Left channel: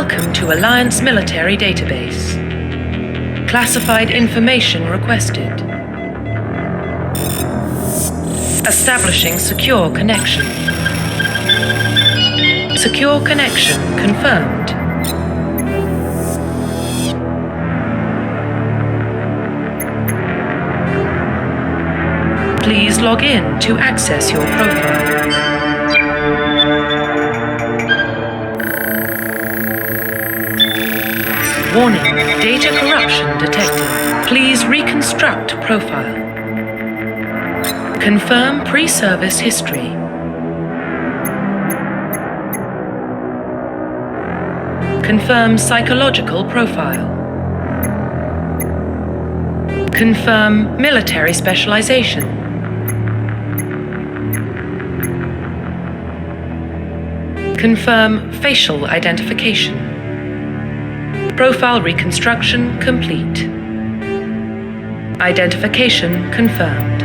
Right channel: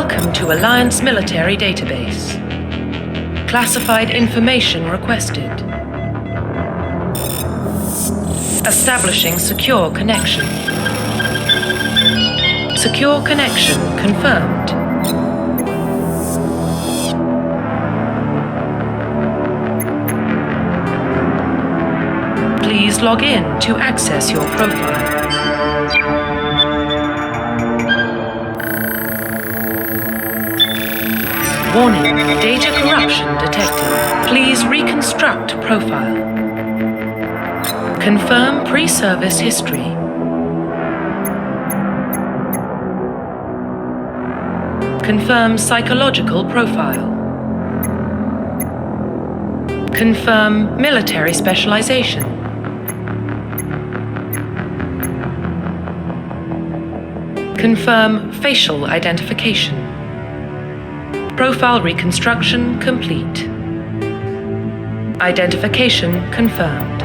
Welcome to Alliance Military Database. Classified information requested. Establishing secure connection. Secure connection confirmed. Please log in to access your profile. Warning, data corruption detected. Please reconstruct profile. Confirm pre-service history. Confirm psychological profile. Confirm military specialization. Confirm facial identification. Profile reconstruction complete. Identification confirmed.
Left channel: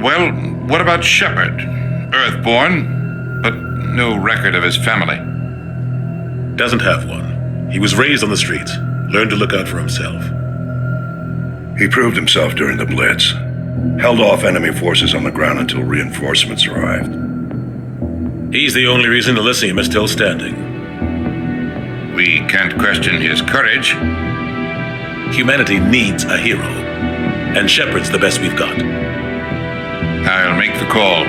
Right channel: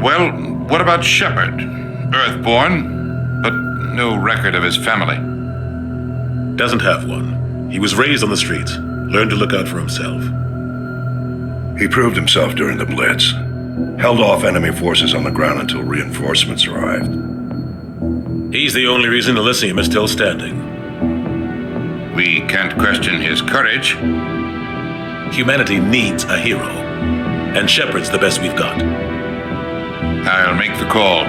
Well, what about Shepard? Earthborn, but no record of his family. Doesn't have one. He was raised on the streets. Learned to look out for himself. He proved himself during the Blitz. Held off enemy forces on the ground until reinforcements arrived. He's the only reason Elysium is still standing. We can't question his courage. Humanity needs a hero, and Shepard's the best we've got. I'll make the call.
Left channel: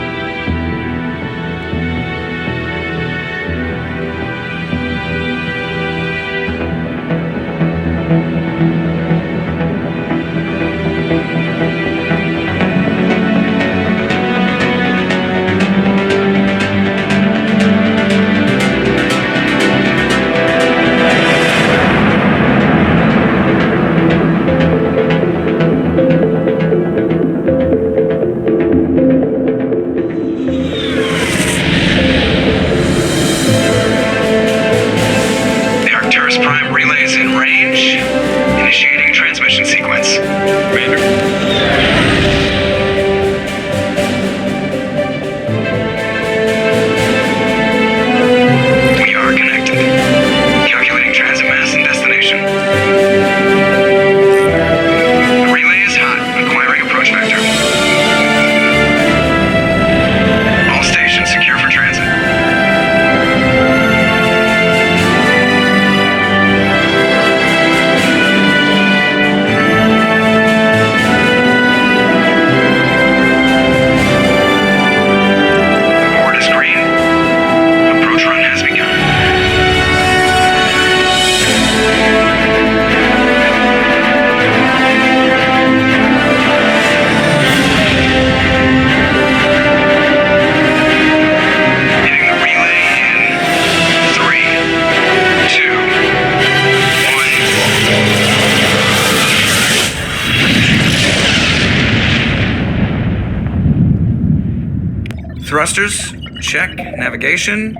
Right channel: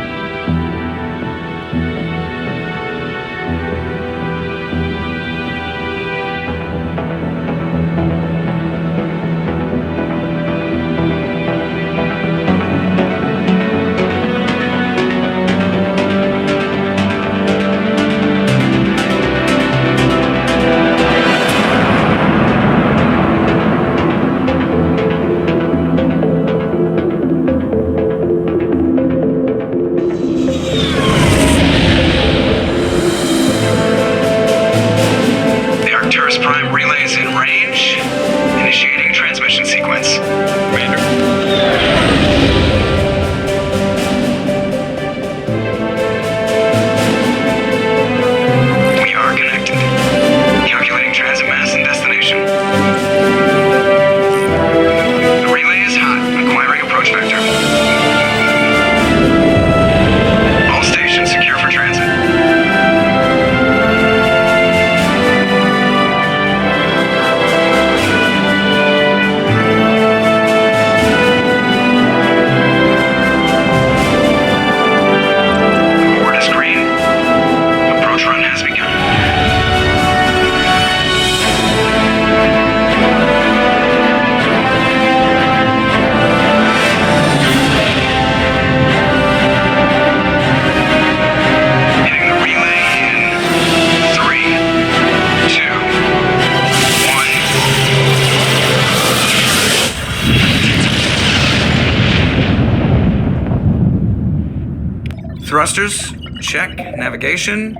Thrusters, check. Navigation,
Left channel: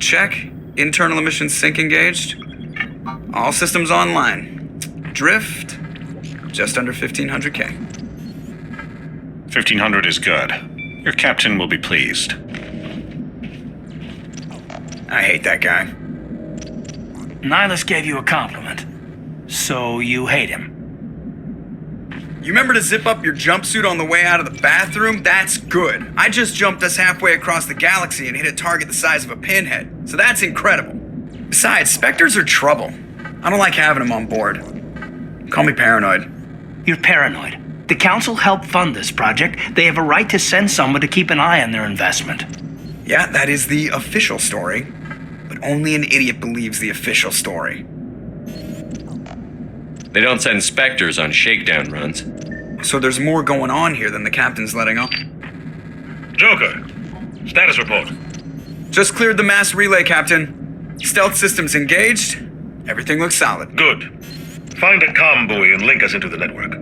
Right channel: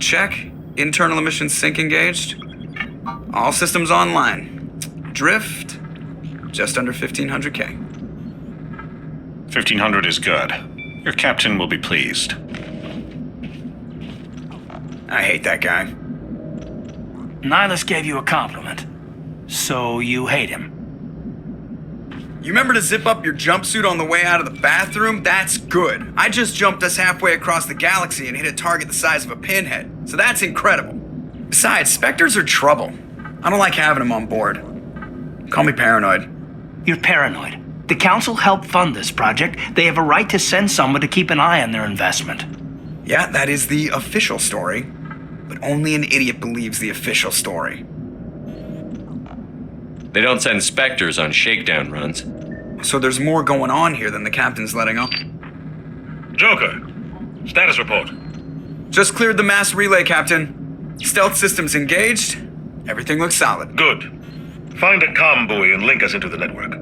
check. Internal emissions sync engaged. All systems online. Drift, just under 1500K. 1500 is good. Your captain will be pleased. I hate that guy. Nihilus gave you a compliment, so you hate him. You remember to zip up your jumpsuit on the way out of the bathroom? That's good. I just jumped us halfway across the galaxy and hit a target the size of a pinhead, so that's incredible. Besides, Spectres are trouble. I don't like having them on board. Call me paranoid. You're paranoid. The Council helped fund this project. They have a right to send someone to keep an eye on their investment. Yeah, that is the official story. But only an idiot believes the official story. They don't send Spectres on shakedown runs. So there's more going on here than the captain's letting up. Joker, status report. Just cleared the mass relay, Captain. Stealth systems engaged. Everything looks solid. Good. Find a comm buoy and link us into the network.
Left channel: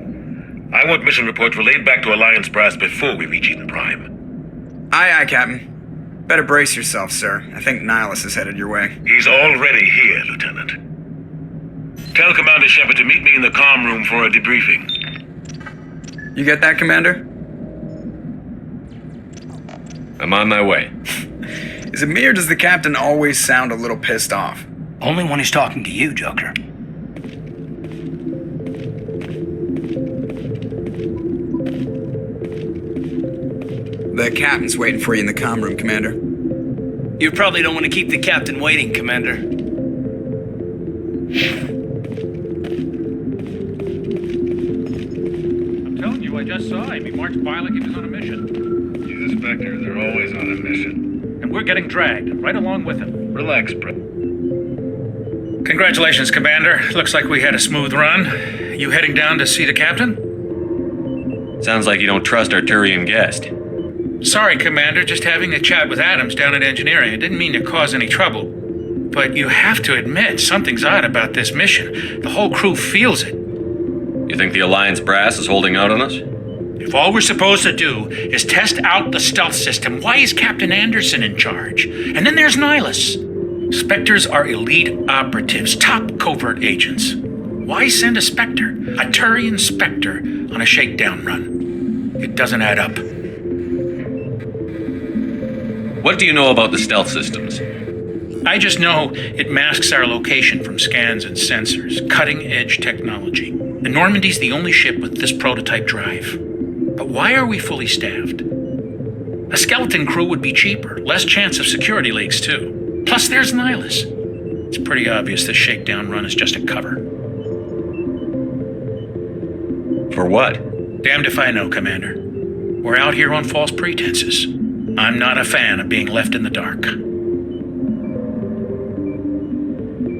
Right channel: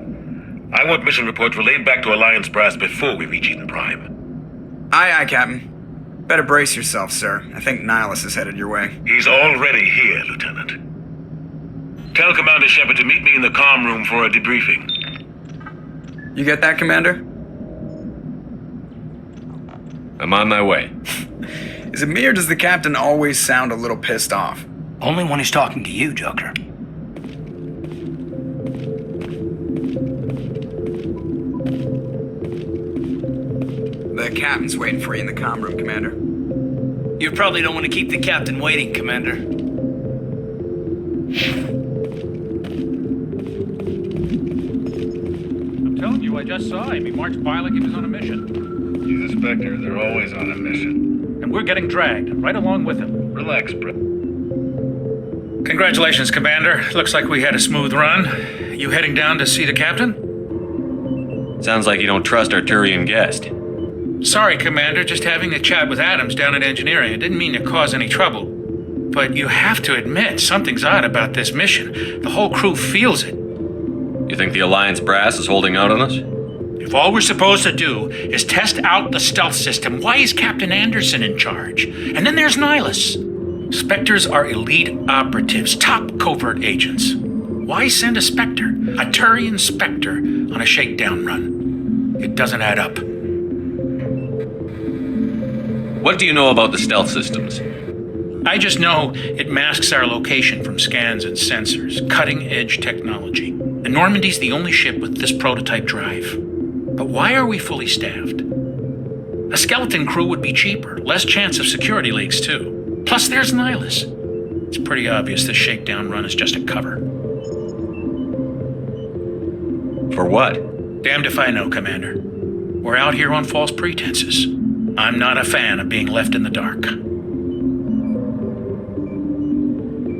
I want mission reports relayed back to Alliance brass before we reach Eden Prime. Aye, aye, Captain. Better brace yourself, sir. I think Nihilus is headed your way. He's already here, Lieutenant. Tell Commander Shepard to meet me in the comm room for a debriefing. You get that, Commander? I'm on my way. Is it me or does the captain always sound a little pissed off? Only when he's talking to you, Joker. The captain's waiting for you in the comm room, Commander. You probably don't want to keep the captain waiting, Commander. I'm telling you, I just saw him. He marched by like he was on a mission. He's a Spectre. They're always on a mission. And we're getting dragged, right along with him. Relax, bro. Congratulations, Commander. Looks like we had a smooth run. You heading down to see the captain? Sounds like you don't trust our Turian guest. Sorry, Commander. Just having a chat with Adams down at engineering. I didn't mean to cause any trouble. But you have to admit, something's odd about this mission. The whole crew feels it. You think the Alliance brass is holding out on us? If all we're supposed to do is test out the stealth system, why is Captain Anderson in charge? And then there's Nihilus. Spectres are elite operatives, top covert agents. Why send a Spectre, a Turian Spectre, on a shakedown run? It doesn't add up. What do you know about the stealth systems? I just know it masks our location from scans and sensors. Cutting-edge technology. The Normandy's the only ship with this prototype drive. But why are we fully staffed? A skeleton crew would be cheaper, less chance of security leaks too. Plus there's Nihilus. It's pretty obvious this shakedown run is just a cover. For what? Damned if I know, Commander. We're out here on false pretenses. I'm not a fan of being left in the dark.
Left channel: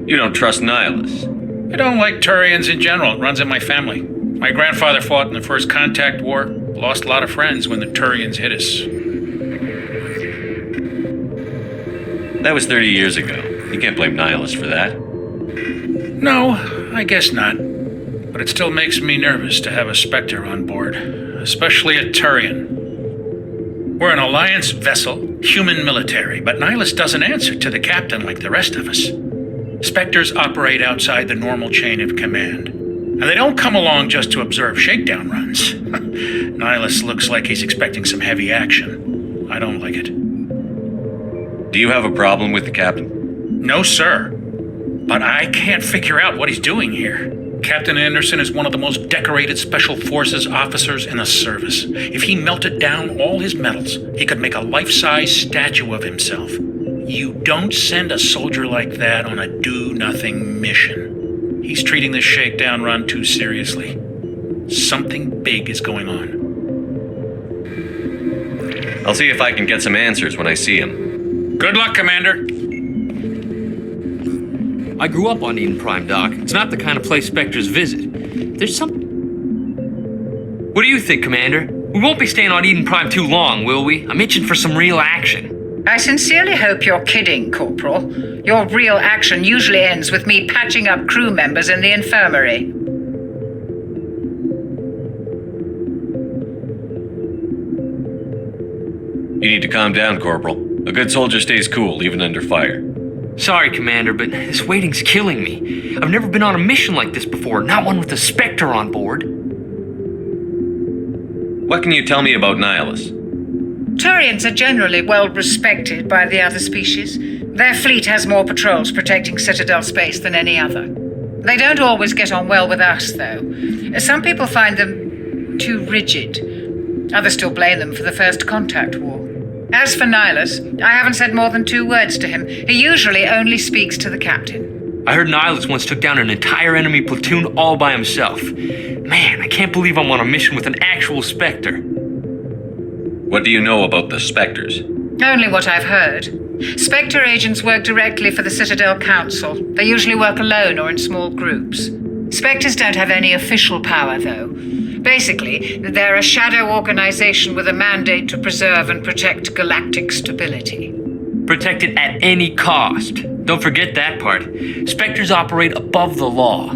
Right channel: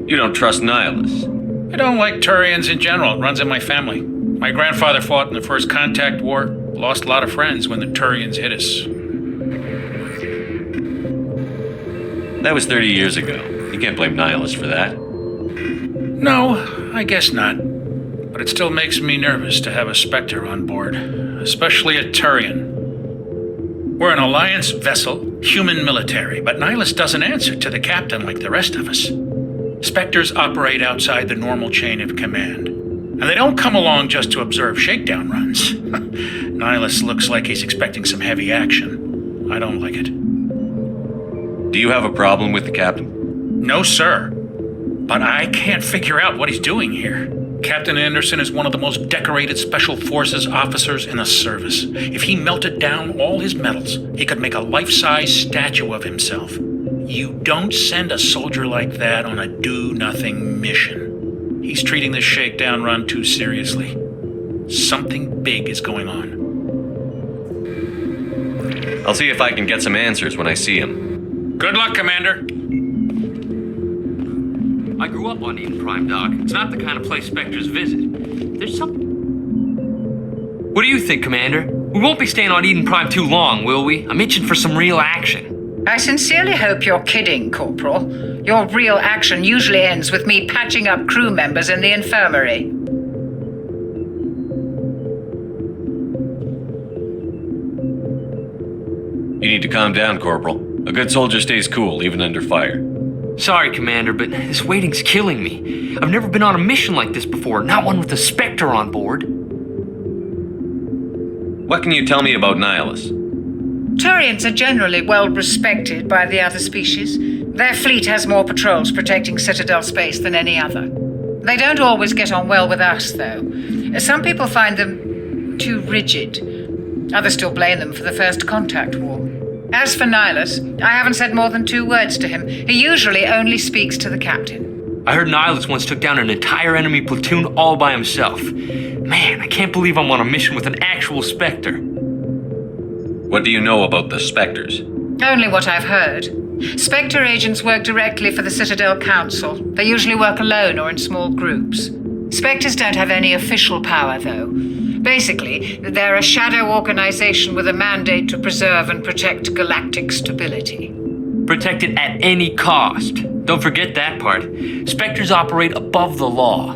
You don't trust Nihilus. I don't like Turians in general. It runs in my family. My grandfather fought in the First Contact War. Lost a lot of friends when the Turians hit us. That was 30 years ago. You can't blame Nihilus for that. No, I guess not. But it still makes me nervous to have a Spectre on board, especially a Turian. We're an Alliance vessel, human military, but Nihilus doesn't answer to the captain like the rest of us. Spectres operate outside the normal chain of command. And they don't come along just to observe shakedown runs. Nihilus looks like he's expecting some heavy action. I don't like it. Do you have a problem with the captain? No, sir. But I can't figure out what he's doing here. Captain Anderson is one of the most decorated Special Forces officers in the service. If he melted down all his medals, he could make a life-size statue of himself. You don't send a soldier like that on a do-nothing mission. He's treating this shakedown run too seriously. Something big is going on. I'll see if I can get some answers when I see him. Good luck, Commander. I grew up on Eden Prime, Doc. It's not the kind of place Spectres visit. There's some... What do you think, Commander? We won't be staying on Eden Prime too long, will we? I'm itching for some real action. I sincerely hope you're kidding, Corporal. Your real action usually ends with me patching up crew members in the infirmary. You need to calm down, Corporal. A good soldier stays cool, even under fire. Sorry, Commander, but this waiting's killing me. I've never been on a mission like this before, not one with a Spectre on board. What can you tell me about Nihilus? Turians are generally well respected by the other species. Their fleet has more patrols protecting Citadel space than any other. They don't always get on well with us, though. Some people find them too rigid. Others still blame them for the First Contact War. As for Nihilus, I haven't said more than 2 words to him. He usually only speaks to the captain. I heard Nihilus once took down an entire enemy platoon all by himself. Man, I can't believe I'm on a mission with an actual Spectre. What do you know about the Spectres? Only what I've heard. Spectre agents work directly for the Citadel Council. They usually work alone or in small groups. Spectres don't have any official power, though. Basically, they're a shadow organization with a mandate to preserve and protect galactic stability. Protect it at any cost. Don't forget that part. Spectres operate above the law.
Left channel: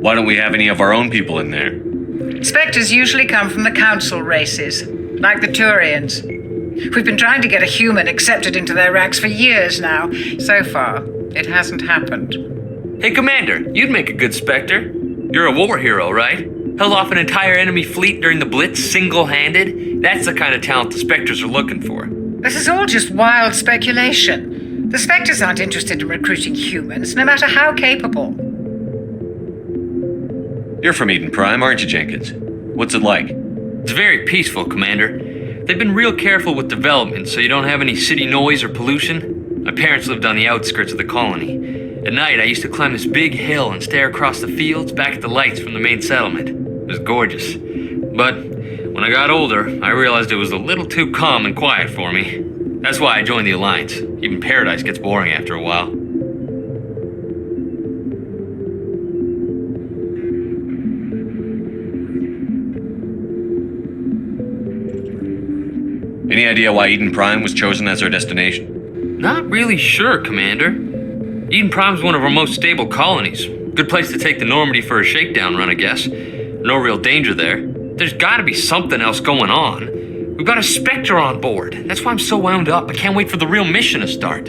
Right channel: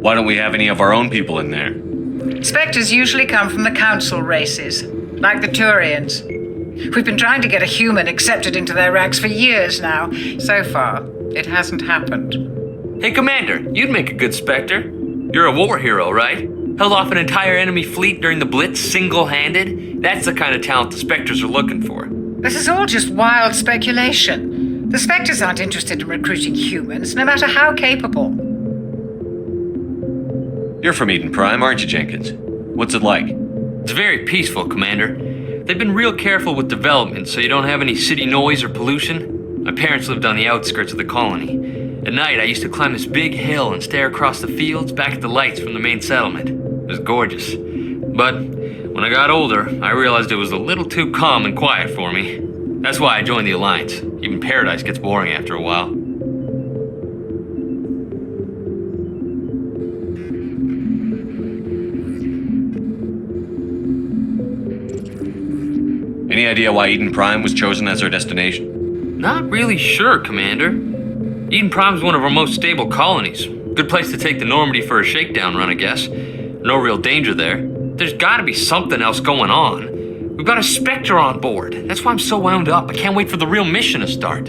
Why don't we have any of our own people in there? Spectres usually come from the Council races, like the Turians. We've been trying to get a human accepted into their ranks for years now. So far, it hasn't happened. Hey, Commander, you'd make a good Spectre. You're a war hero, right? Held off an entire enemy fleet during the Blitz single-handed? That's the kind of talent the Spectres are looking for. This is all just wild speculation. The Spectres aren't interested in recruiting humans, no matter how capable. You're from Eden Prime, aren't you, Jenkins? What's it like? It's very peaceful, Commander. They've been real careful with development, so you don't have any city noise or pollution. My parents lived on the outskirts of the colony. At night, I used to climb this big hill and stare across the fields back at the lights from the main settlement. It was gorgeous. But when I got older, I realized it was a little too calm and quiet for me. That's why I joined the Alliance. Even Paradise gets boring after a while. Any idea why Eden Prime was chosen as our destination? Not really sure, Commander. Eden Prime's one of our most stable colonies. Good place to take the Normandy for a shakedown run, I guess. No real danger there. There's gotta be something else going on. We've got a Spectre on board. That's why I'm so wound up. I can't wait for the real mission to start.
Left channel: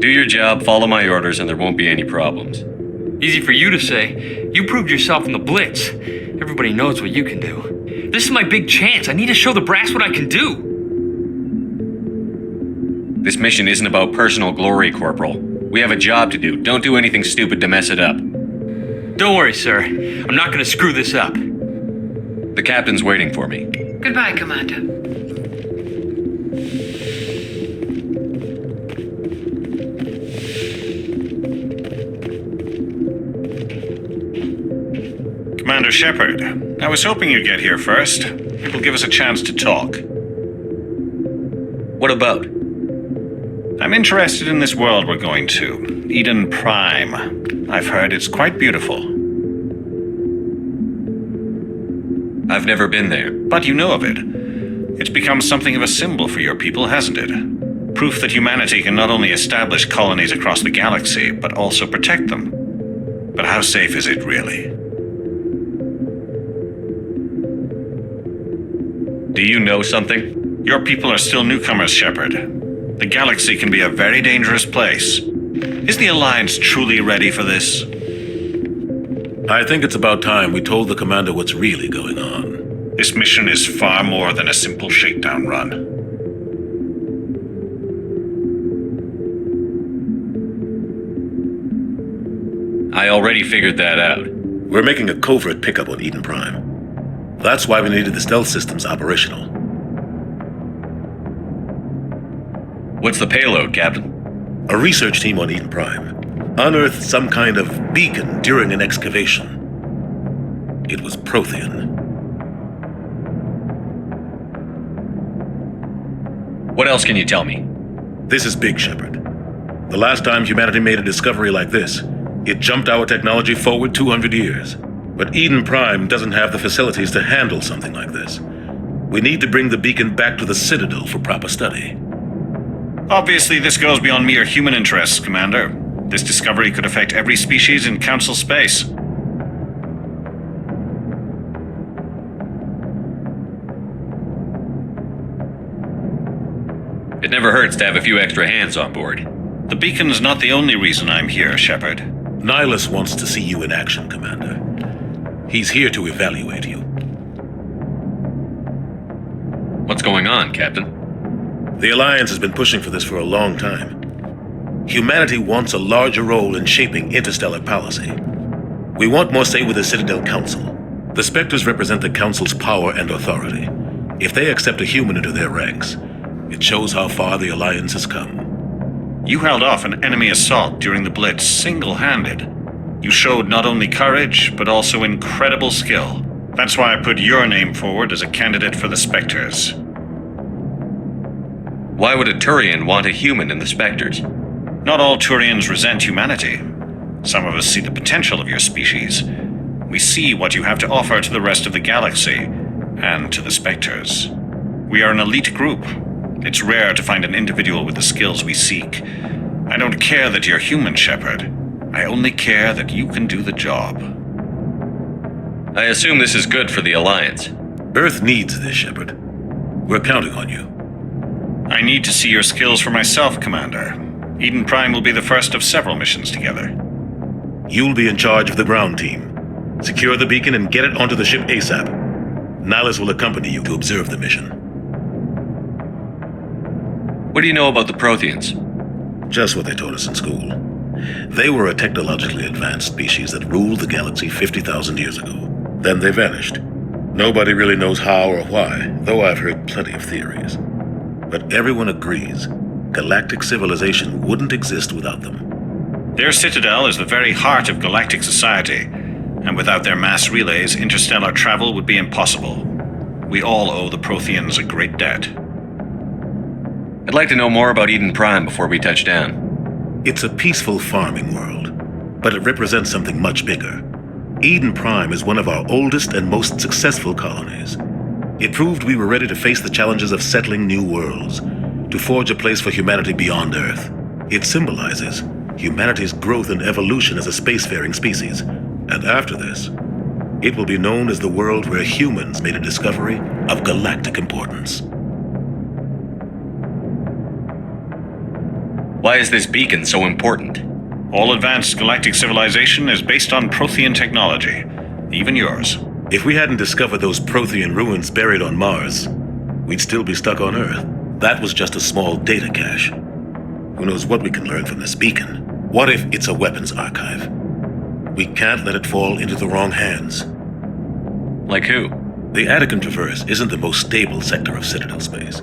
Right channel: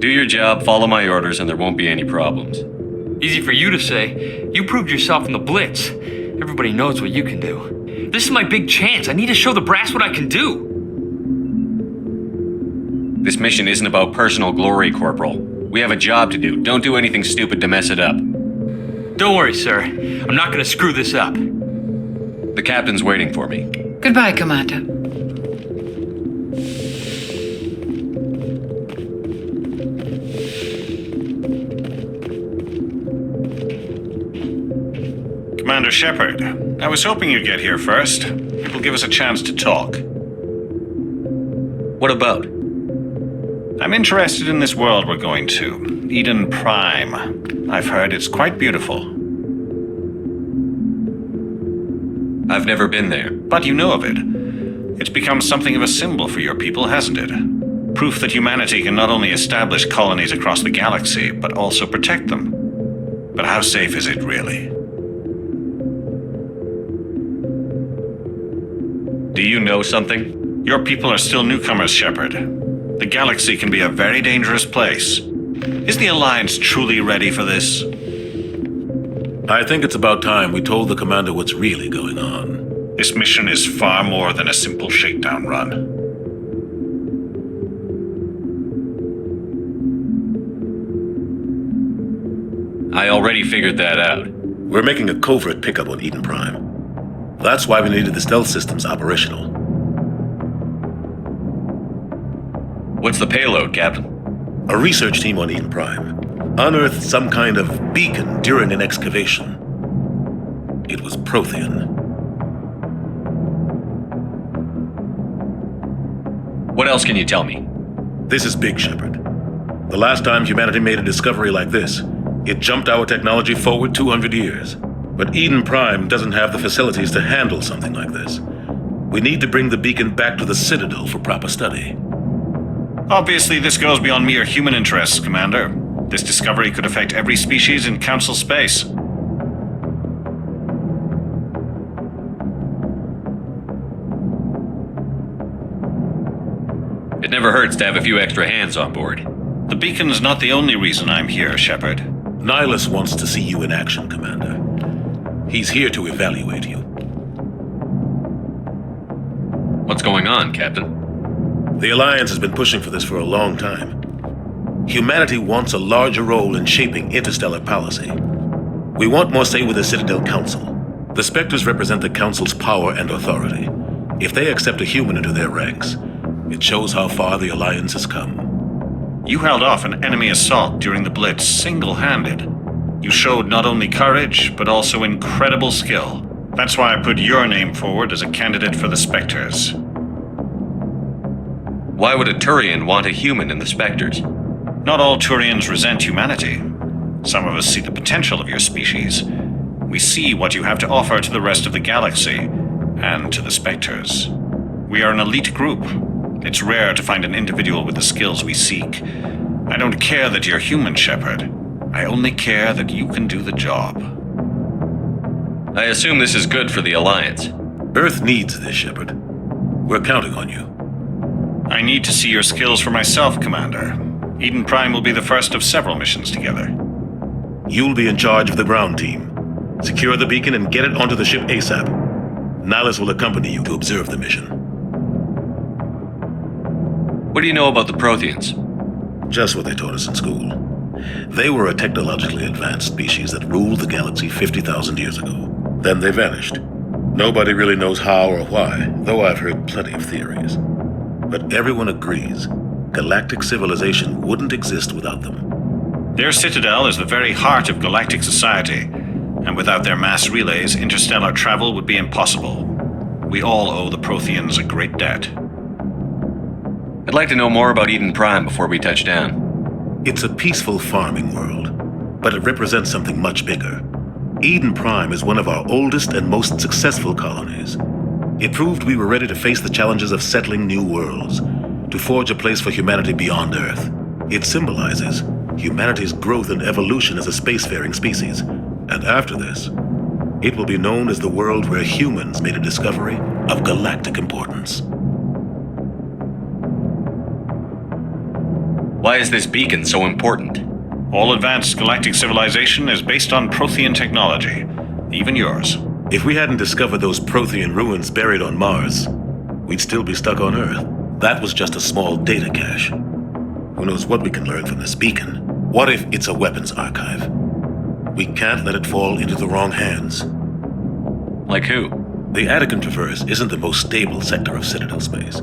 Do your job, follow my orders, and there won't be any problems. Easy for you to say. You proved yourself in the Blitz. Everybody knows what you can do. This is my big chance. I need to show the brass what I can do. This mission isn't about personal glory, Corporal. We have a job to do. Don't do anything stupid to mess it up. Don't worry, sir. I'm not gonna screw this up. The captain's waiting for me. Goodbye, Commander. Commander Shepard, I was hoping you'd get here first. It will give us a chance to talk. What about? I'm interested in this world we're going to, Eden Prime. I've heard it's quite beautiful. I've never been there. But you know of it. It's become something of a symbol for your people, hasn't it? Proof that humanity can not only establish colonies across the galaxy, but also protect them. But how safe is it really? Do you know something? Your people are still newcomers, Shepard. The galaxy can be a very dangerous place. Is the Alliance truly ready for this? I think it's about time we told the Commander what's really going on. This mission is far more than a simple shakedown run. I already figured that out. We're making a covert pickup on Eden Prime. That's why we needed the stealth systems operational. What's the payload, Captain? A research team on Eden Prime unearthed some kind of beacon during an excavation. It was Prothean. What else can you tell me? This is big, Shepard. The last time humanity made a discovery like this, it jumped our technology forward 200 years. But Eden Prime doesn't have the facilities to handle something like this. We need to bring the beacon back to the Citadel for proper study. Obviously, this goes beyond mere human interests, Commander. This discovery could affect every species in Council space. It never hurts to have a few extra hands on board. The beacon's not the only reason I'm here, Shepard. Nihilus wants to see you in action, Commander. He's here to evaluate you. What's going on, Captain? The Alliance has been pushing for this for a long time. Humanity wants a larger role in shaping interstellar policy. We want more say with the Citadel Council. The Spectres represent the Council's power and authority. If they accept a human into their ranks, it shows how far the Alliance has come. You held off an enemy assault during the Blitz single-handed. You showed not only courage, but also incredible skill. That's why I put your name forward as a candidate for the Spectres. Why would a Turian want a human in the Spectres? Not all Turians resent humanity. Some of us see the potential of your species. We see what you have to offer to the rest of the galaxy, and to the Spectres. We are an elite group. It's rare to find an individual with the skills we seek. I don't care that you're human, Shepard. I only care that you can do the job. I assume this is good for the Alliance. Earth needs this, Shepard. We're counting on you. I need to see your skills for myself, Commander. Eden Prime will be the first of several missions together. You'll be in charge of the ground team. Secure the beacon and get it onto the ship ASAP. Nihilus will accompany you to observe the mission. What do you know about the Protheans? Just what they taught us in school. They were a technologically advanced species that ruled the galaxy 50,000 years ago. Then they vanished. Nobody really knows how or why, though I've heard plenty of theories. But everyone agrees, galactic civilization wouldn't exist without them. Their citadel is the very heart of galactic society, and without their mass relays, interstellar travel would be impossible. We all owe the Protheans a great debt. I'd like to know more about Eden Prime before we touch down. It's a peaceful farming world, but it represents something much bigger. Eden Prime is one of our oldest and most successful colonies. It proved we were ready to face the challenges of settling new worlds, to forge a place for humanity beyond Earth. It symbolizes humanity's growth and evolution as a spacefaring species. And after this, it will be known as the world where humans made a discovery of galactic importance. Why is this beacon so important? All advanced galactic civilization is based on Prothean technology, even yours. If we hadn't discovered those Prothean ruins buried on Mars, we'd still be stuck on Earth. That was just a small data cache. Who knows what we can learn from this beacon? What if it's a weapons archive? We can't let it fall into the wrong hands. Like who? The Attican Traverse isn't the most stable sector of Citadel space.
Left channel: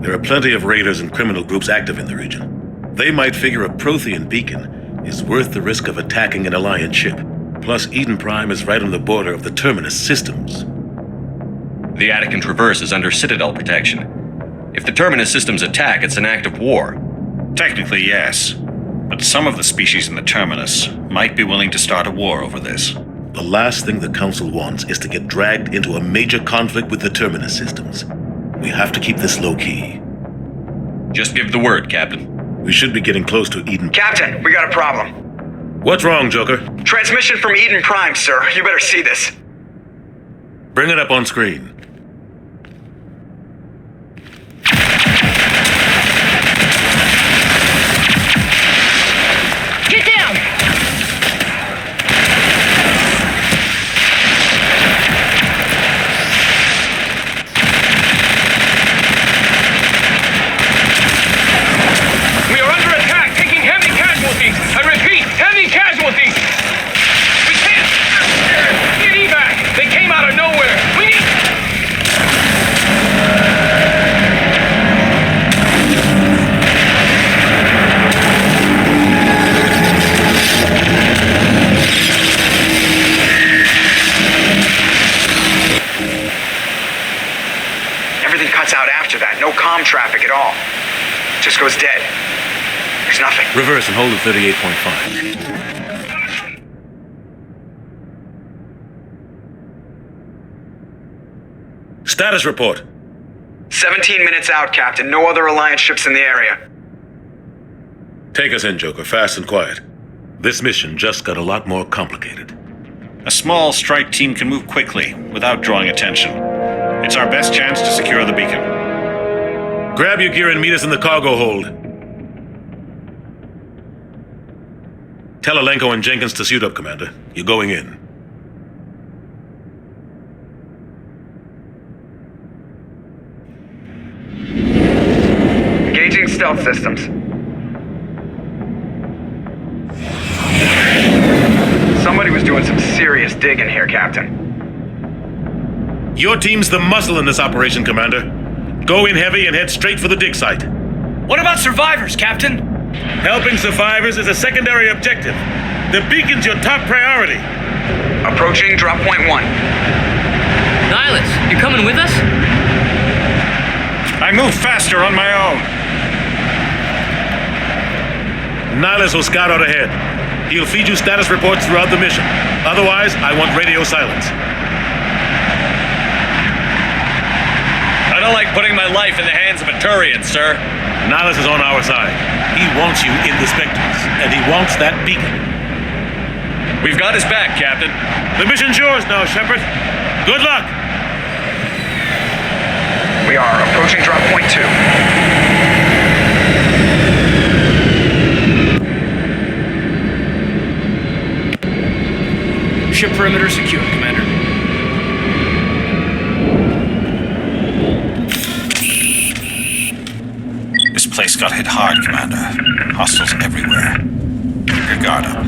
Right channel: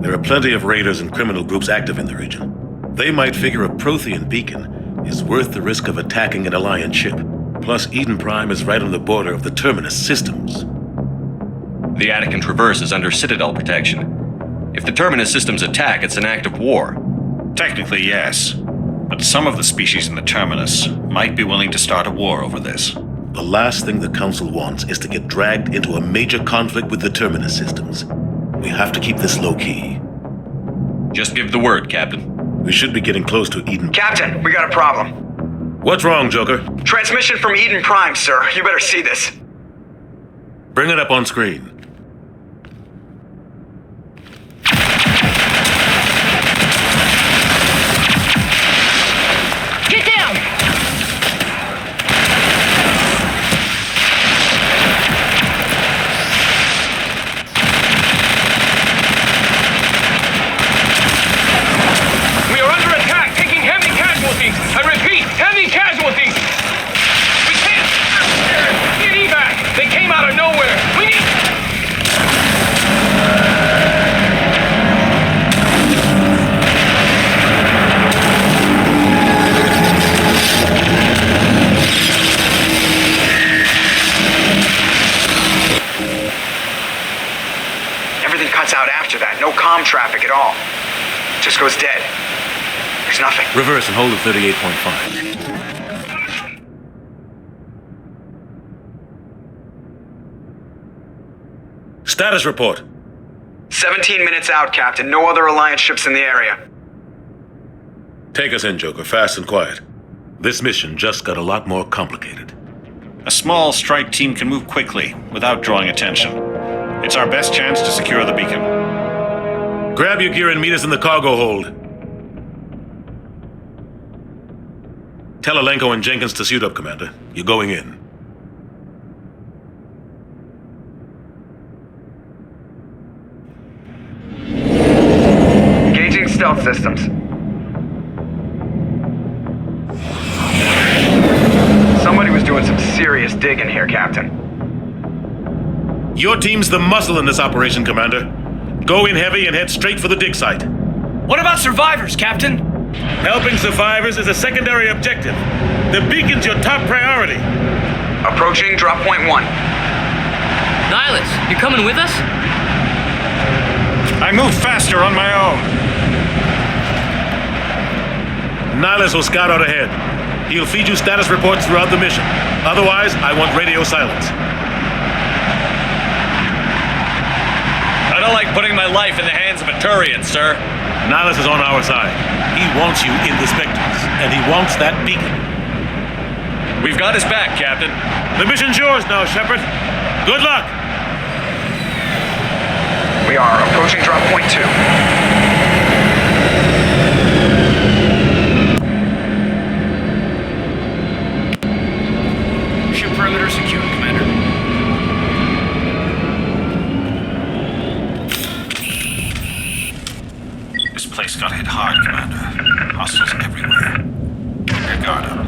There are plenty of raiders and criminal groups active in the region. They might figure a Prothean beacon is worth the risk of attacking an Alliance ship. Plus, Eden Prime is right on the border of the Terminus systems. The Attican Traverse is under Citadel protection. If the Terminus systems attack, it's an act of war. Technically, yes. But some of the species in the Terminus might be willing to start a war over this. The last thing the Council wants is to get dragged into a major conflict with the Terminus systems. We have to keep this low-key. Just give the word, Captain. We should be getting close to Eden. Captain, we got a problem. What's wrong, Joker? Transmission from Eden Prime, sir. You better see this. Bring it up on screen. Get down! We are under attack, taking heavy casualties. I repeat, heavy casualties. We can't. Get evac. They came out of nowhere. We need. Everything cuts out after that. No comm traffic at all. Just goes dead. There's nothing. Reverse and hold at 38.5. Status report. 17 minutes out, Captain. No other Alliance ships in the area. Take us in, Joker, fast and quiet. This mission just got a lot more complicated. A small strike team can move quickly, without drawing attention. It's our best chance to secure the beacon. Grab your gear and meet us in the cargo hold. Tell Alenko and Jenkins to suit up, Commander. You're going in. Engaging stealth systems. Somebody was doing some serious digging here, Captain. Your team's the muscle in this operation, Commander. Go in heavy and head straight for the dig site. What about survivors, Captain? Helping survivors is a secondary objective. The beacon's your top priority. Approaching drop point 1. Nihilus, you coming with us? I move faster on my own. Nihilus will scout out ahead. He'll feed you status reports throughout the mission. Otherwise, I want radio silence. I don't like putting my life in the hands of a Turian, sir. Nihilus is on our side. He wants you in the Spectres, and he wants that beacon. We've got his back, Captain. The mission's yours now, Shepard. Good luck! We are approaching drop point 2. Perimeter secure, Commander. This place got hit hard, Commander. Hostiles everywhere. Keep your guard up.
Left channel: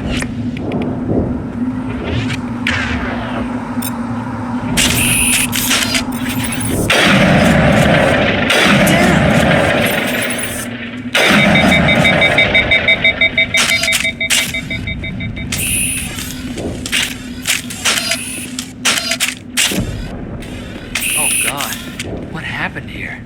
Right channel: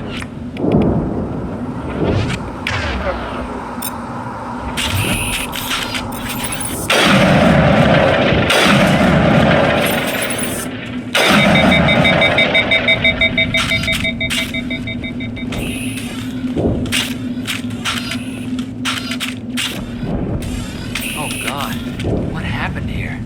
Oh God, what happened here?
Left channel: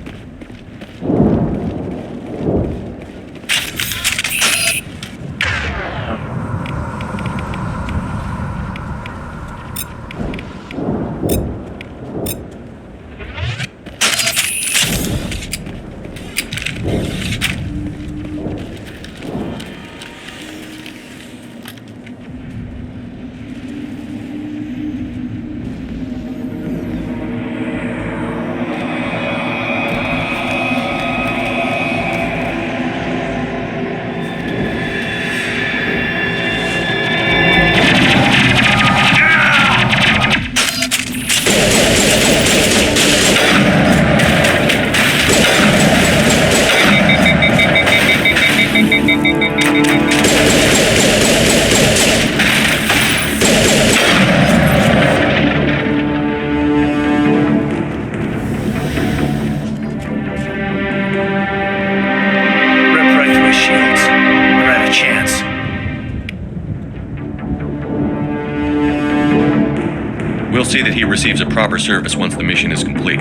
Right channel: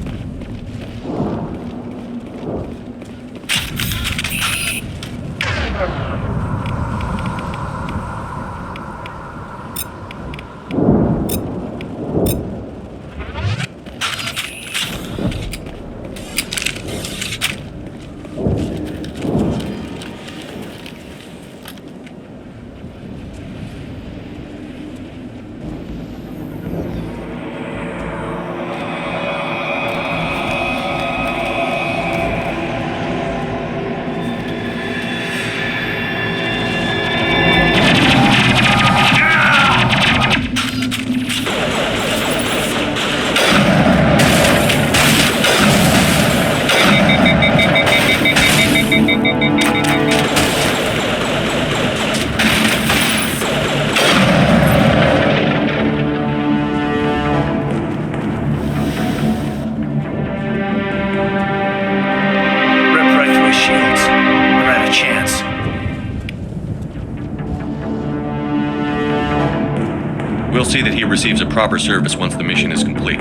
We'll see that he receives a proper service once the mission is complete.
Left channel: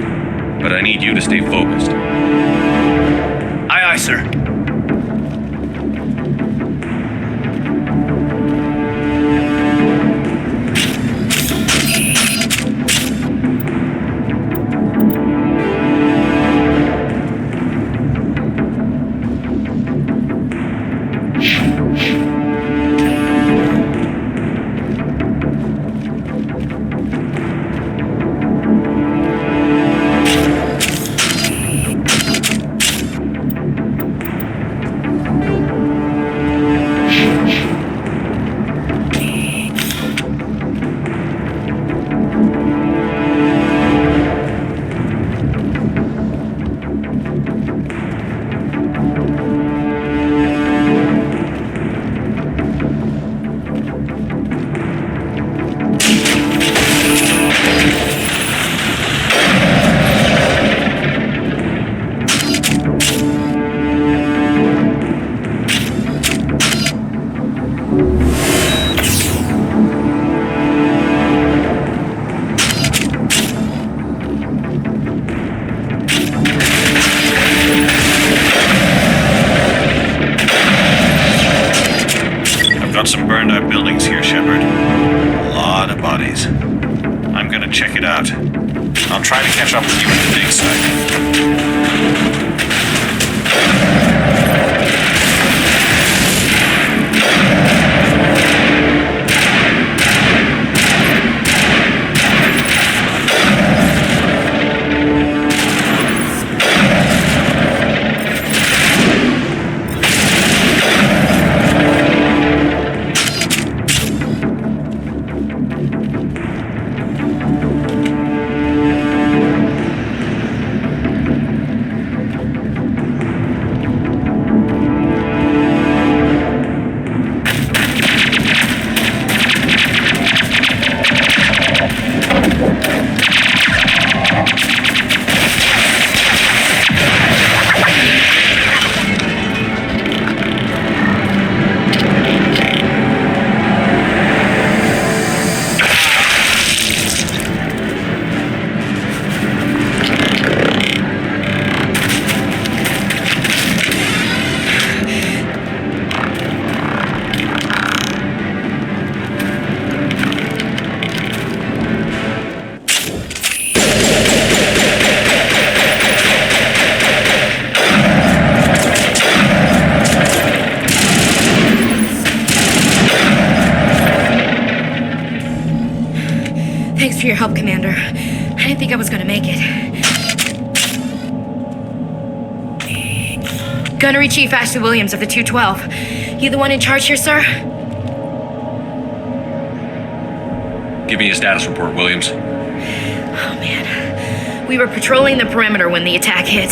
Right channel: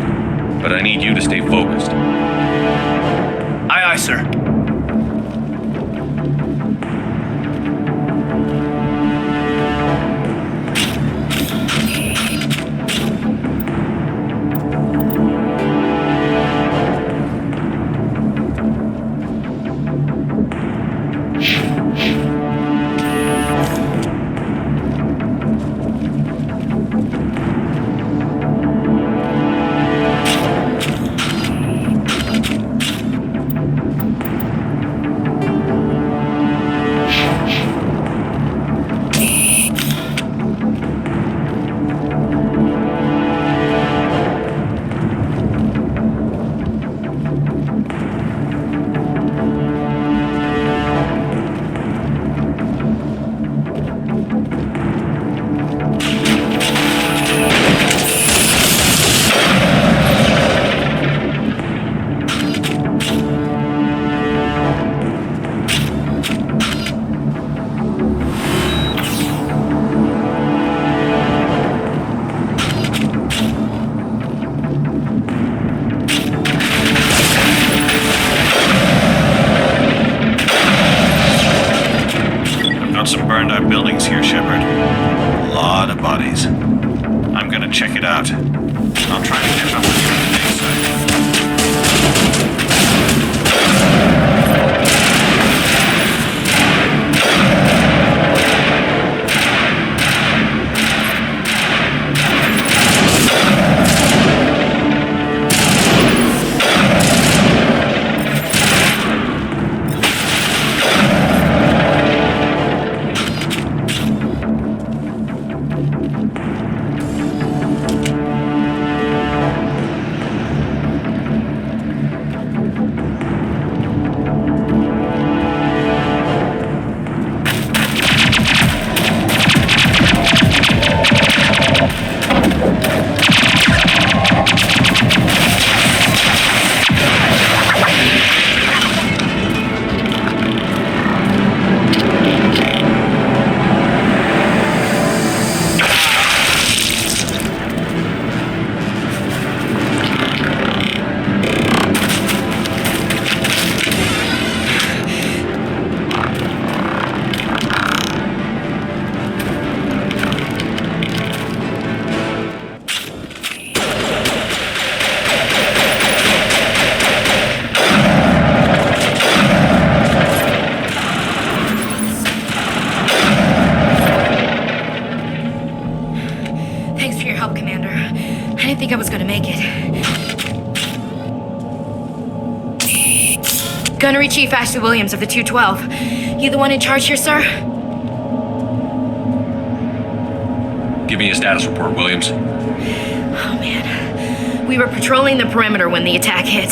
But I need you to stay focused. Aye, aye, sir. Some burned out buildings here, Shepard. A lot of bodies. I'm gonna check it out. I'll try to catch up with you at the dig site. Thanks for your help, Commander. I didn't think I was gonna make it. Gunnery Chief Ashley Williams of the 212. You the one in charge here, sir? Give me a status report, Williams. Oh man. We were patrolling the perimeter when the attack hit.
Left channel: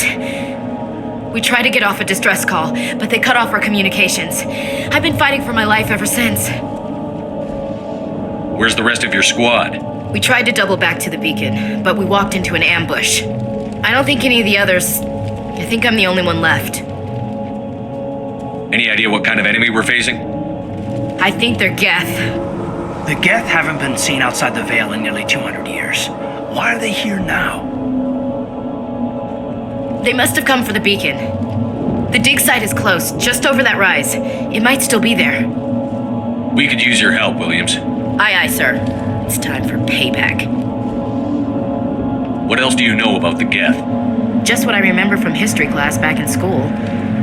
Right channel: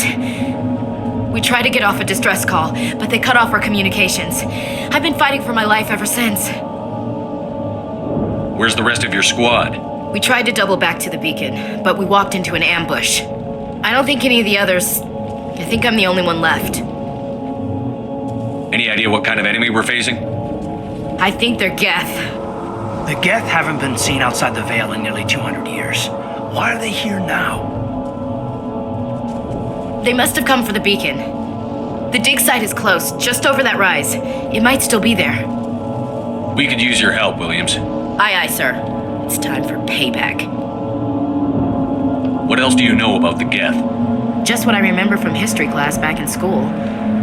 We tried to get off a distress call, but they cut off our communications. I've been fighting for my life ever since. Where's the rest of your squad? We tried to double back to the beacon, but we walked into an ambush. I don't think any of the others... I think I'm the only one left. Any idea what kind of enemy we're facing? I think they're Geth. The Geth haven't been seen outside the Veil in nearly 200 years. Why are they here now? They must have come for the beacon. The dig site is close, just over that rise. It might still be there. We could use your help, Williams. Aye, aye, sir. It's time for payback. What else do you know about the Geth? Just what I remember from history class back in school.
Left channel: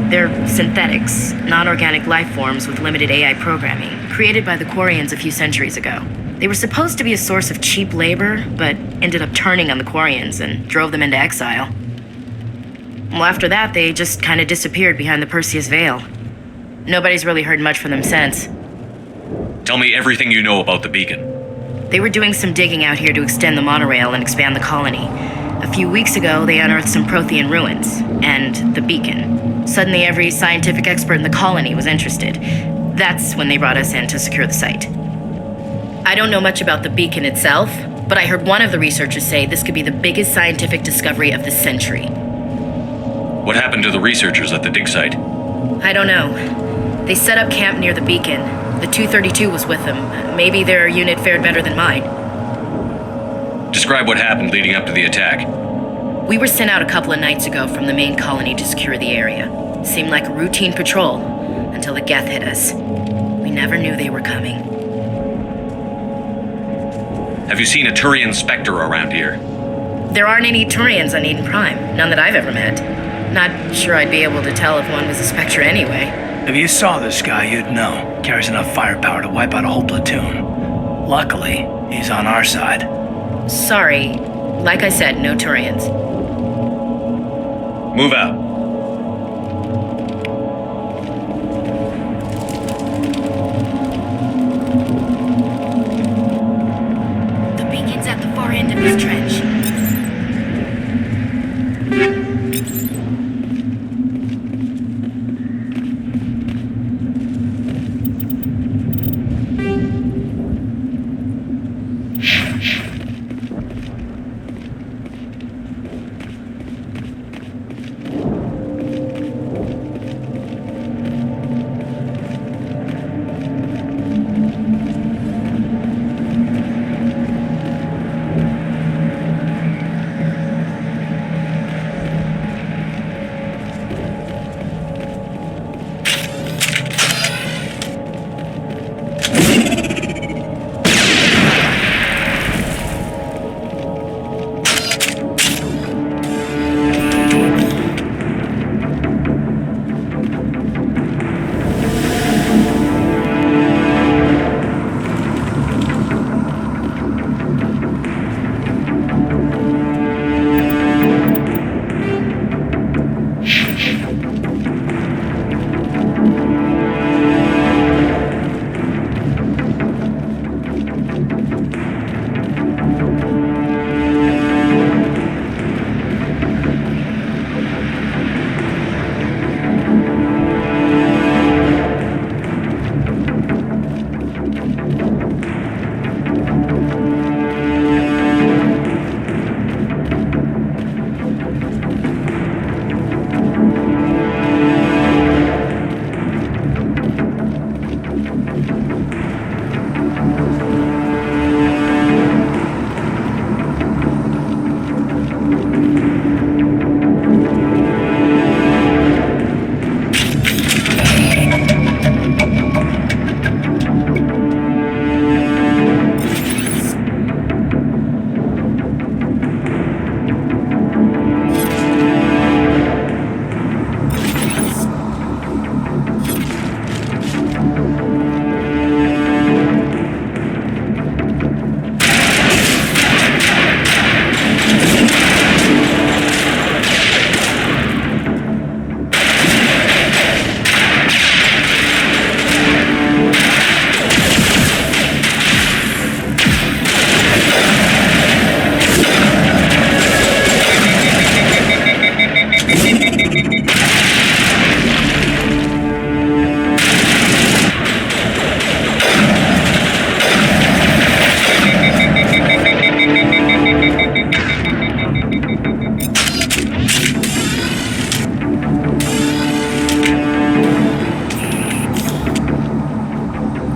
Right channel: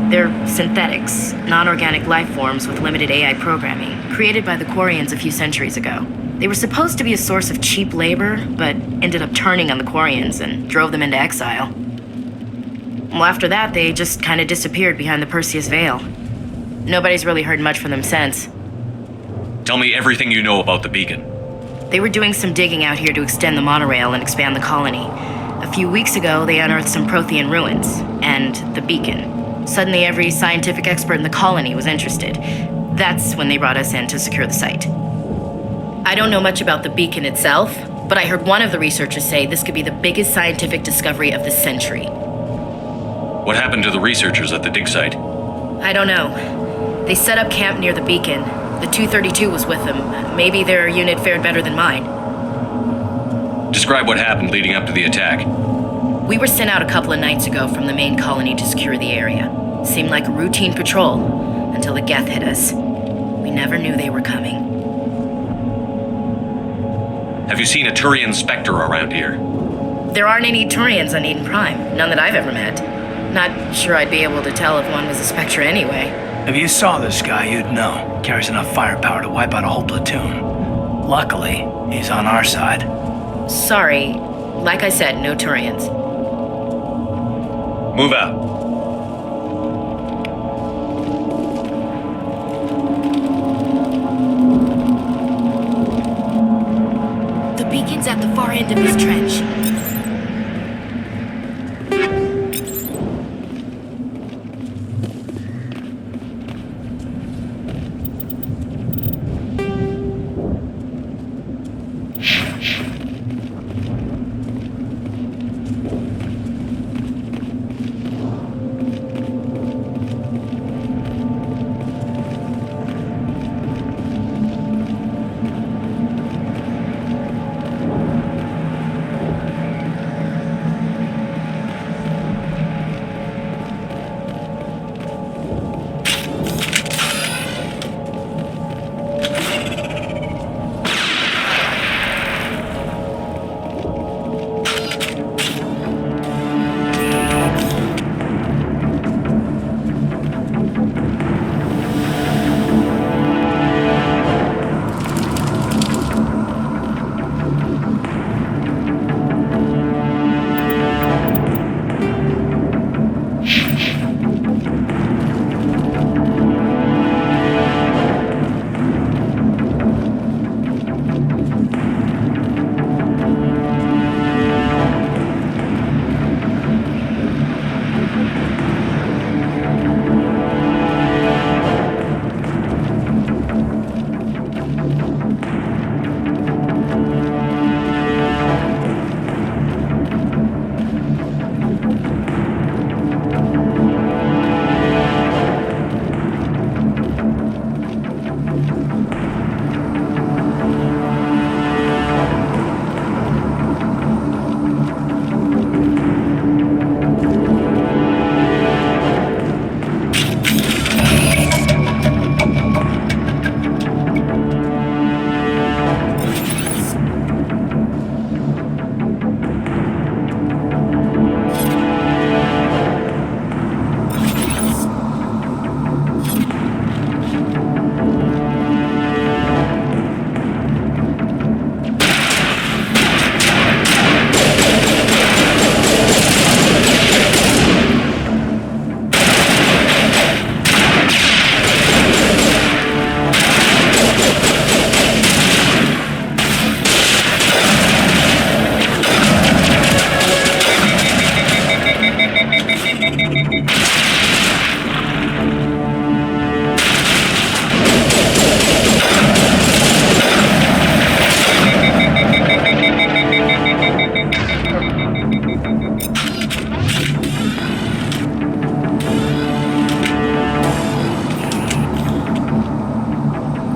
They're synthetics, non-organic life forms with limited AI programming, created by the Quarians a few centuries ago. They were supposed to be a source of cheap labor, but ended up turning on the Quarians and drove them into exile. Well, after that, they just kind of disappeared behind the Perseus Veil. Nobody's really heard much from them since. Tell me everything you know about the beacon. They were doing some digging out here to extend the monorail and expand the colony. A few weeks ago, they unearthed some Prothean ruins, and the beacon. Suddenly, every scientific expert in the colony was interested. That's when they brought us in to secure the site. I don't know much about the beacon itself, but I heard one of the researchers say this could be the biggest scientific discovery of the century. What happened to the researchers at the dig site? I don't know. They set up camp near the beacon. The 232 was with them. Maybe their unit fared better than mine. Describe what happened leading up to the attack. We were sent out a couple of nights ago from the main colony to secure the area. Seemed like a routine patrol, until the Geth hit us. We never knew they were coming. Have you seen a Turian Spectre around here? There aren't any Turians on Eden Prime, none that I've ever met. Not sure I'd be able to tell if one was a Spectre anyway. If you saw this guy, you'd know. Carries enough firepower to wipe out a whole platoon. Luckily, he's on our side. Sorry. Like I said, no Turians. Move out. The beacon's at the far end of this trench.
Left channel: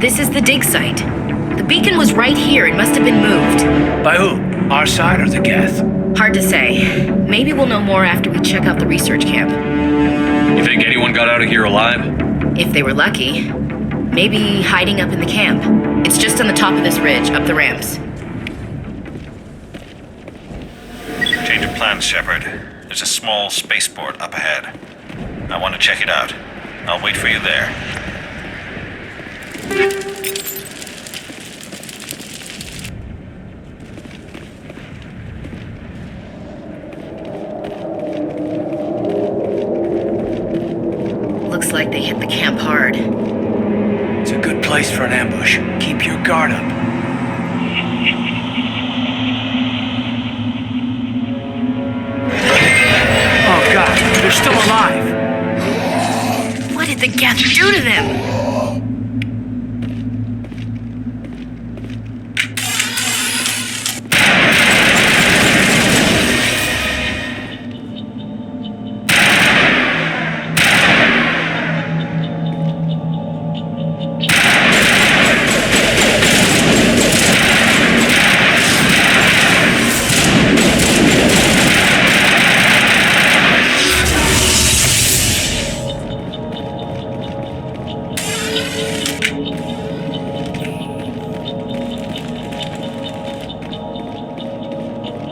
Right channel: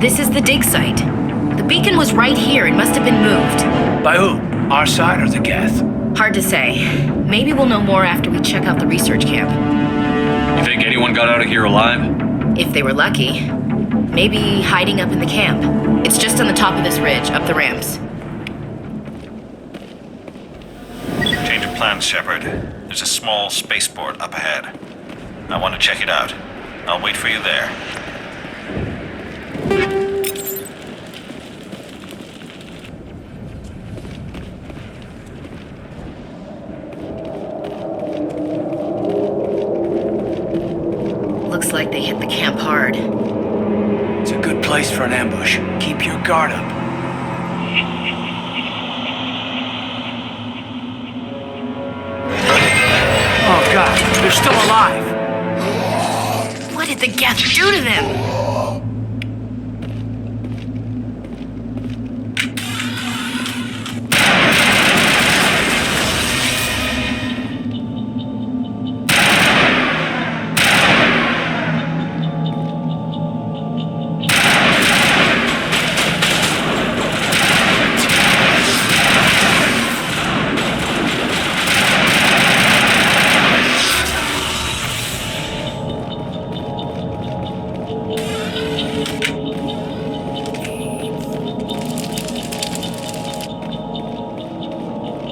This is the dig site. The beacon was right here. It must have been moved. By who? Our side or the Geth? Hard to say. Maybe we'll know more after we check out the research camp. You think anyone got out of here alive? If they were lucky. Maybe hiding up in the camp. It's just on the top of this ridge, up the ramps. Change of plans, Shepard. There's a small spaceport up ahead. I want to check it out. I'll wait for you there. Looks like they hit the camp hard. It's a good place for an ambush. Keep your guard up. Oh god, they're still alive! What did the Geth do to them?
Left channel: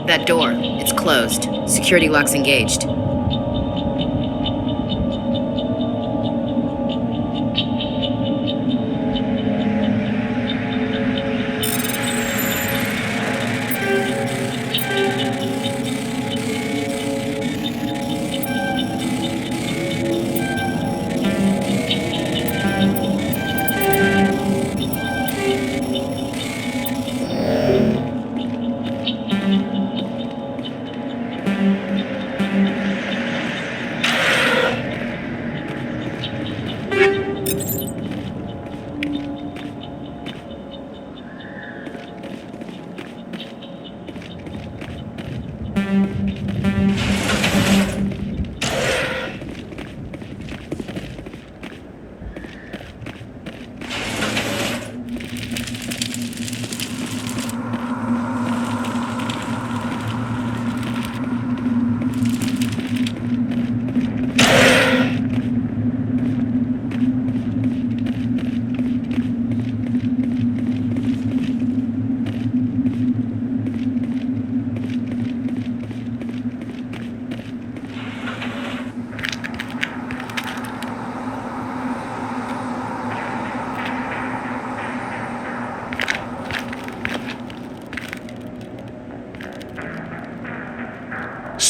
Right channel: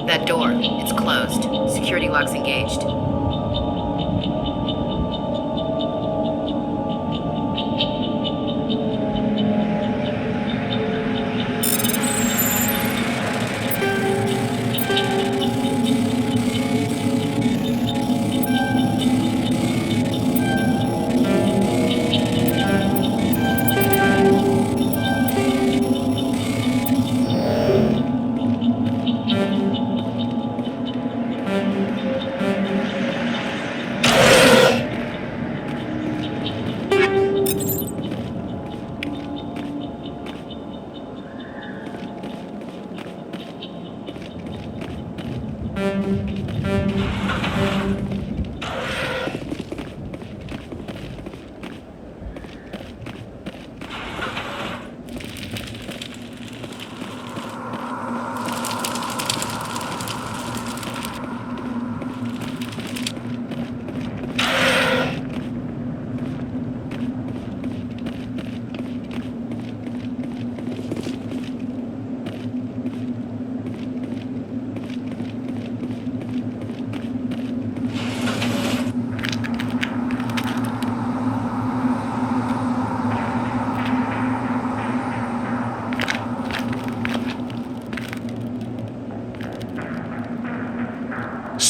That door, it's closed. Security lock's engaged.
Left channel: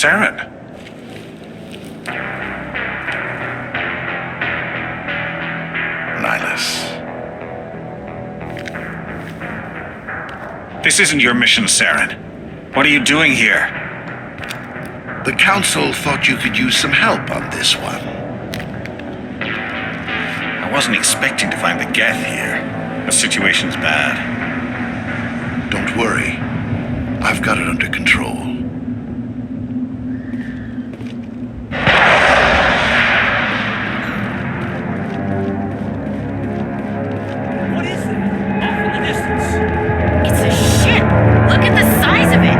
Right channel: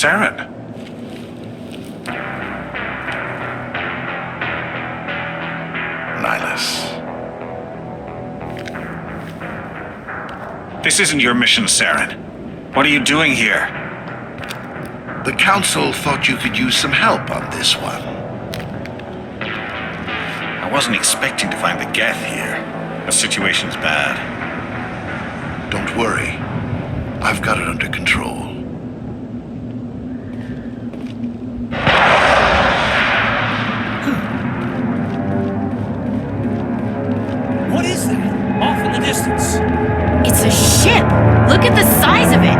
Saren. Nihilus. This isn't your mission, Saren. What are you doing here? The Council thought you could use some help on this one. I wasn't expecting to find the Geth here. The situation's bad. Don't worry. I've got it under control. What is that? Off in the distance. It's a ship! Look at the size of it!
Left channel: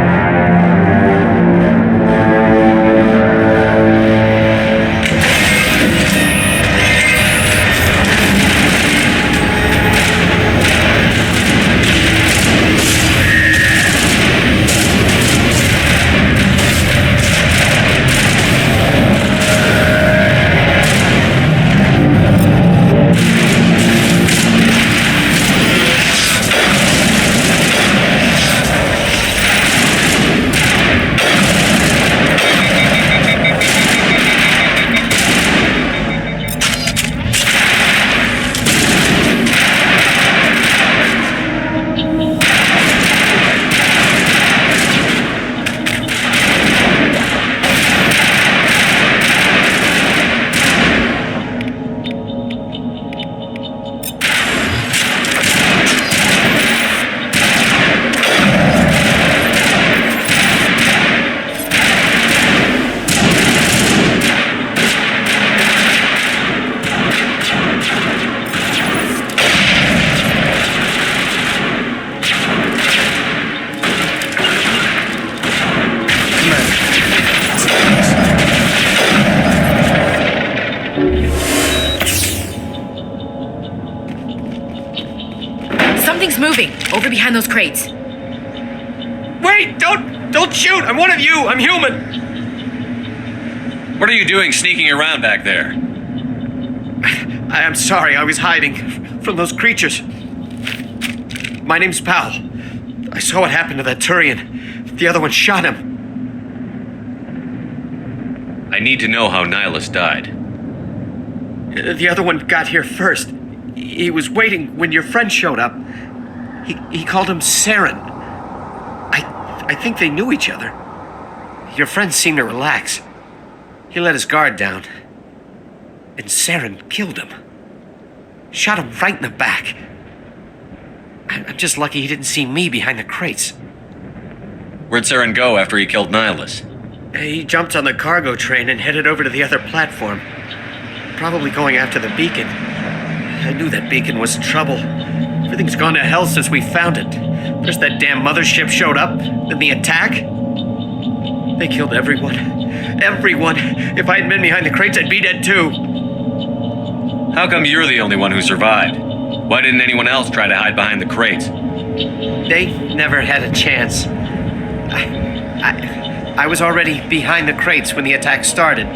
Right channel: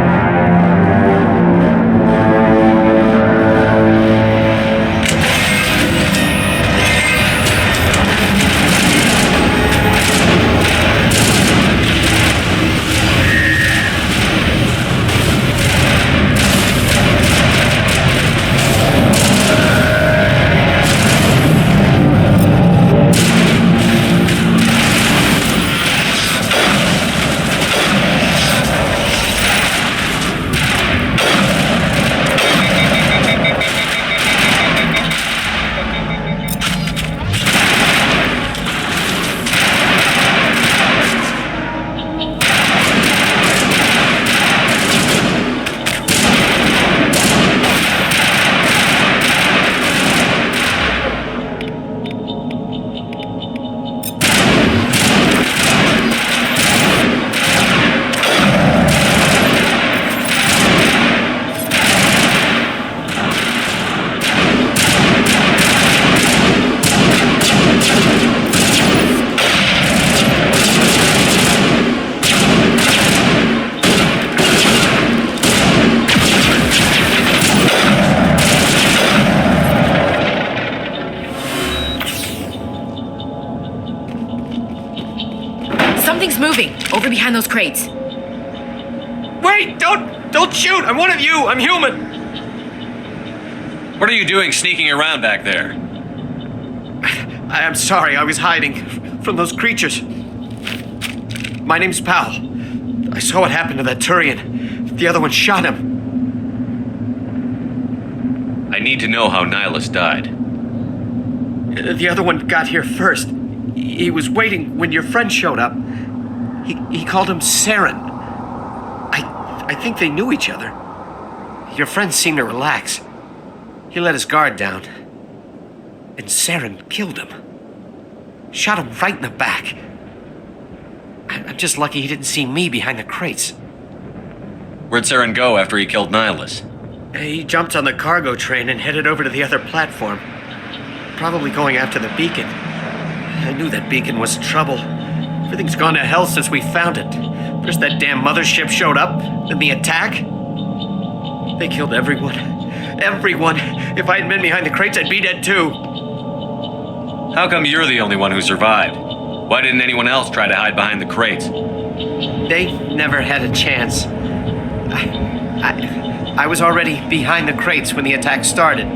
moving! Over behind those crates. Wait! Don't shoot! I'm one of you! I'm human! What are you doing sneaking around back there? I'm sorry, I was hiding from those creatures. My name's Powell. I saw what happened to that Turian. The other one shot him. I need to know how Nihilus died. The other one got here first. He was waiting when your friend showed up. He called him Saren. I think they knew each other. Your friend seemed to relax. He let his guard down. And Saren killed him. Shot him right in the back. I'm just lucky he didn't see me behind the crates. Where'd Saren go after he killed Nihilus? He jumped on the cargo train and headed over to the other platform. Probably going after the beacon. I knew that beacon was trouble. Everything's gone to hell since we found it. First that damn mothership showed up, then the attack. They killed everyone. Everyone. If I hadn't been behind the crates, I'd be dead too. How come you're the only one who survived? Why didn't anyone else try to hide behind the crates? They never had a chance. I was already behind the crates when the attack started.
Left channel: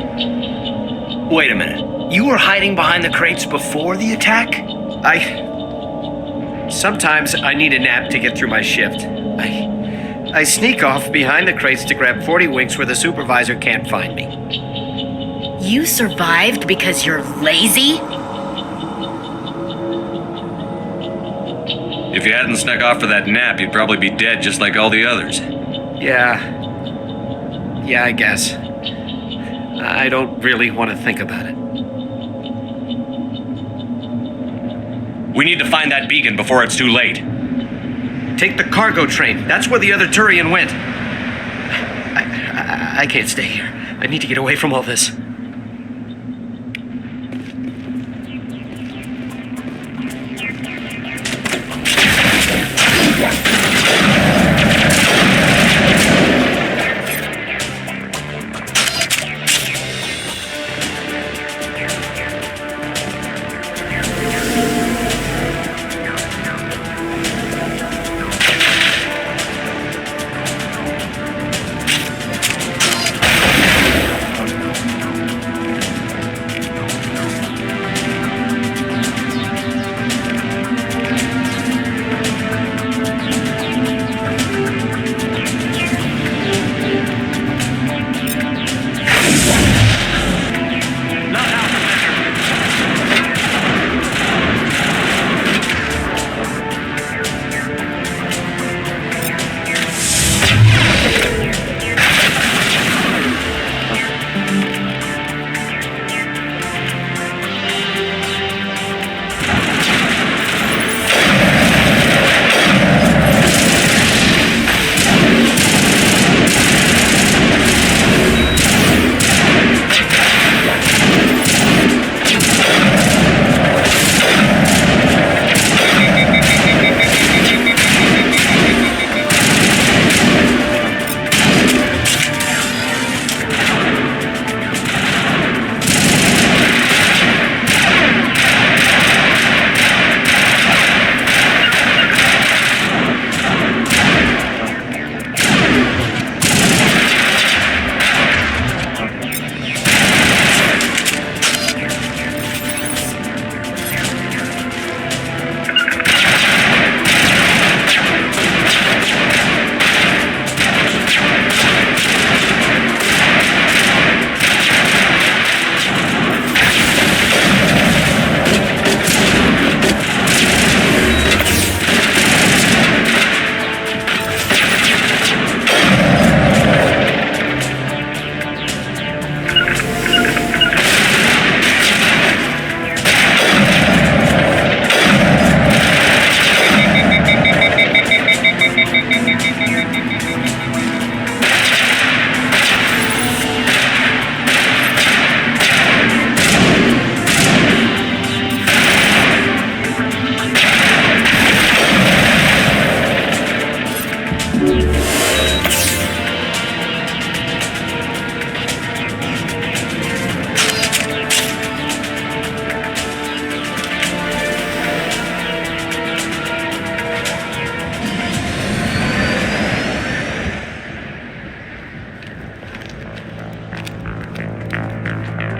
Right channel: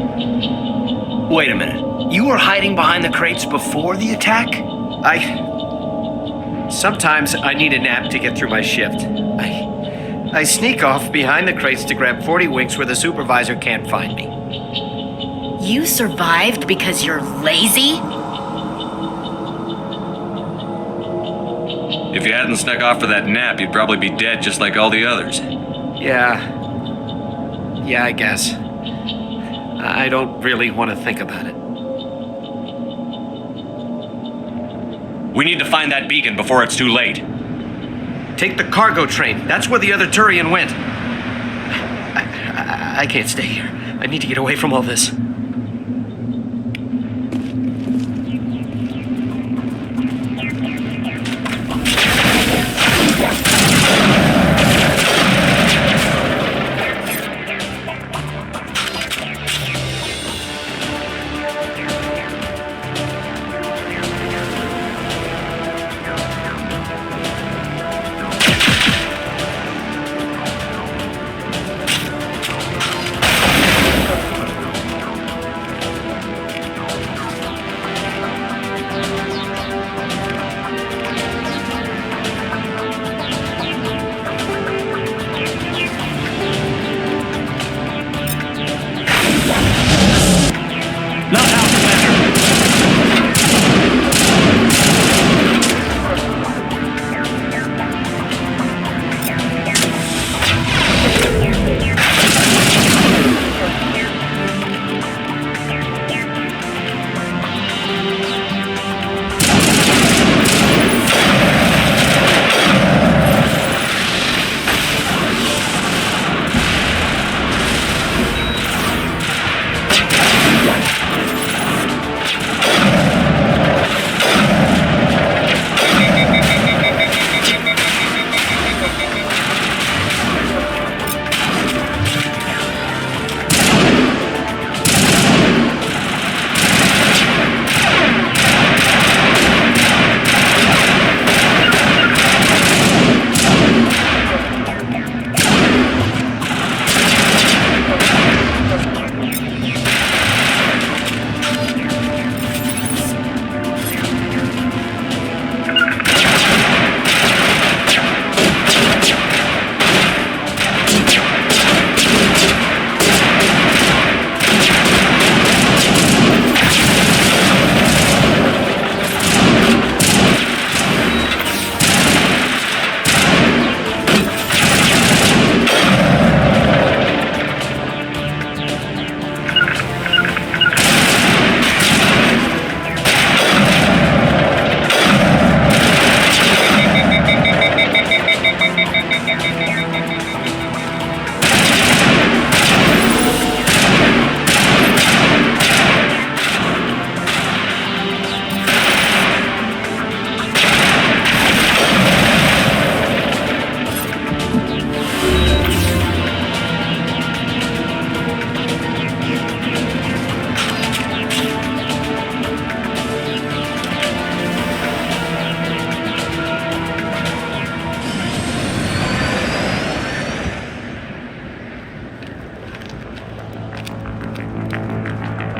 Wait a minute. You were hiding behind the crates before the attack? Sometimes I need a nap to get through my shift. I sneak off behind the crates to grab 40 winks where the supervisor can't find me. You survived because you're lazy? If you hadn't snuck off for that nap, you'd probably be dead just like all the others. Yeah, I guess. I don't really want to think about it. We need to find that beacon before it's too late. Take the cargo train. That's where the other Turian went. I can't stay here. I need to get away from all this.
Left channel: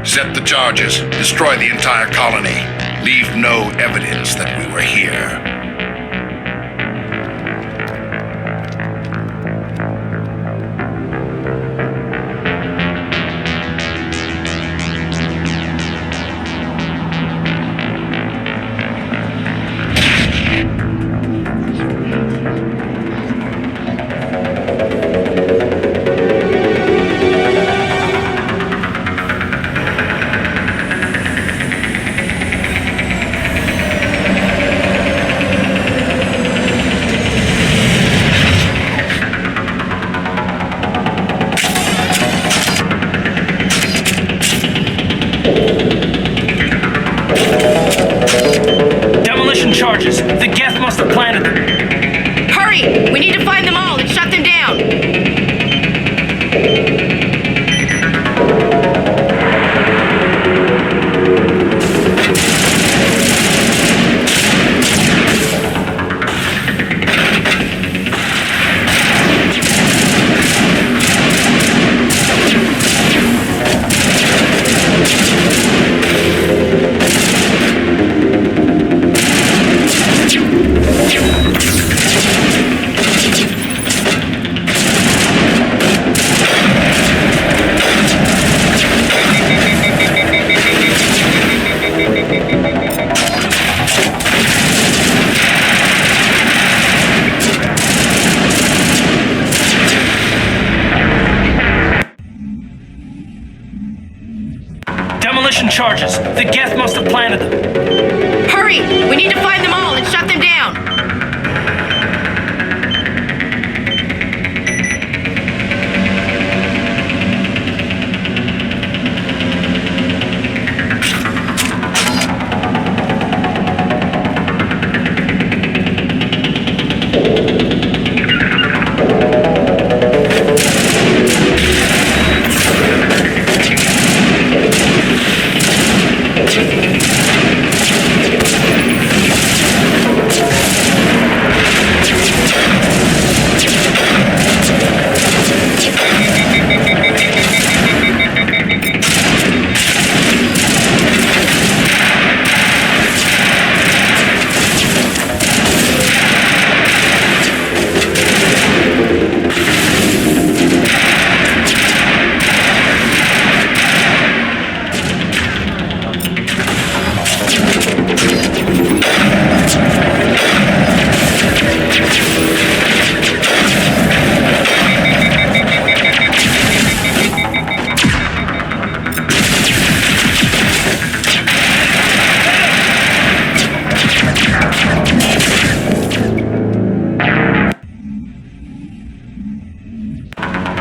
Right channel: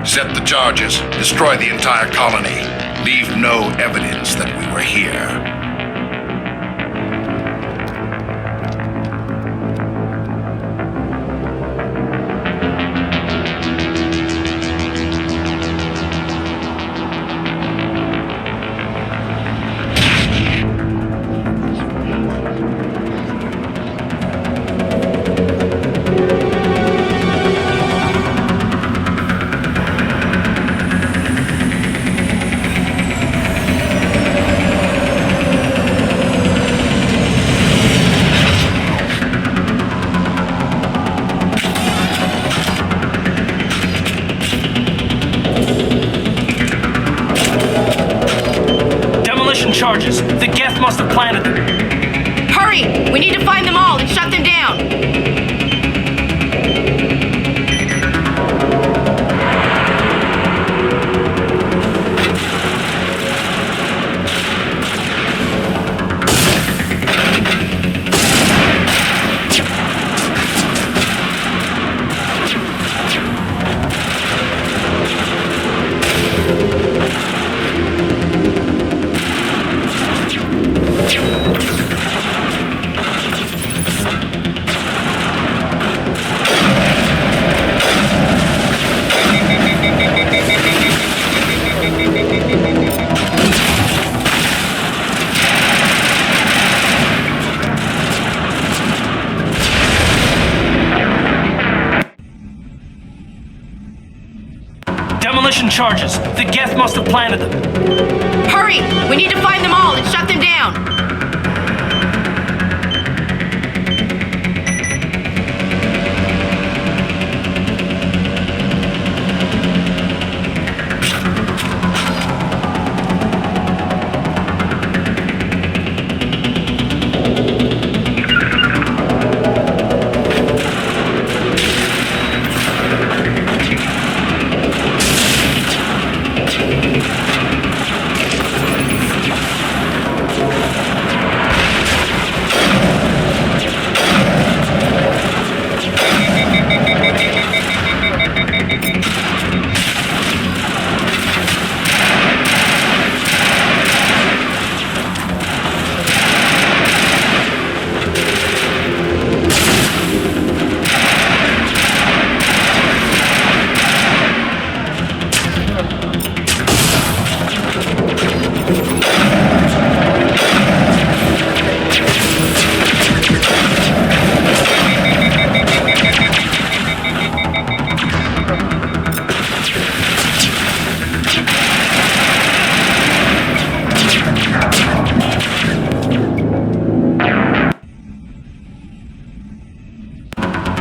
Set the charges. Destroy the entire colony. Leave no evidence that we were here. Charges. The Geth must have planted them. Hurry! We need to find them all and shut them down! Demolition charges. The Geth must have planted them. Hurry! We need to find them all and shut them down!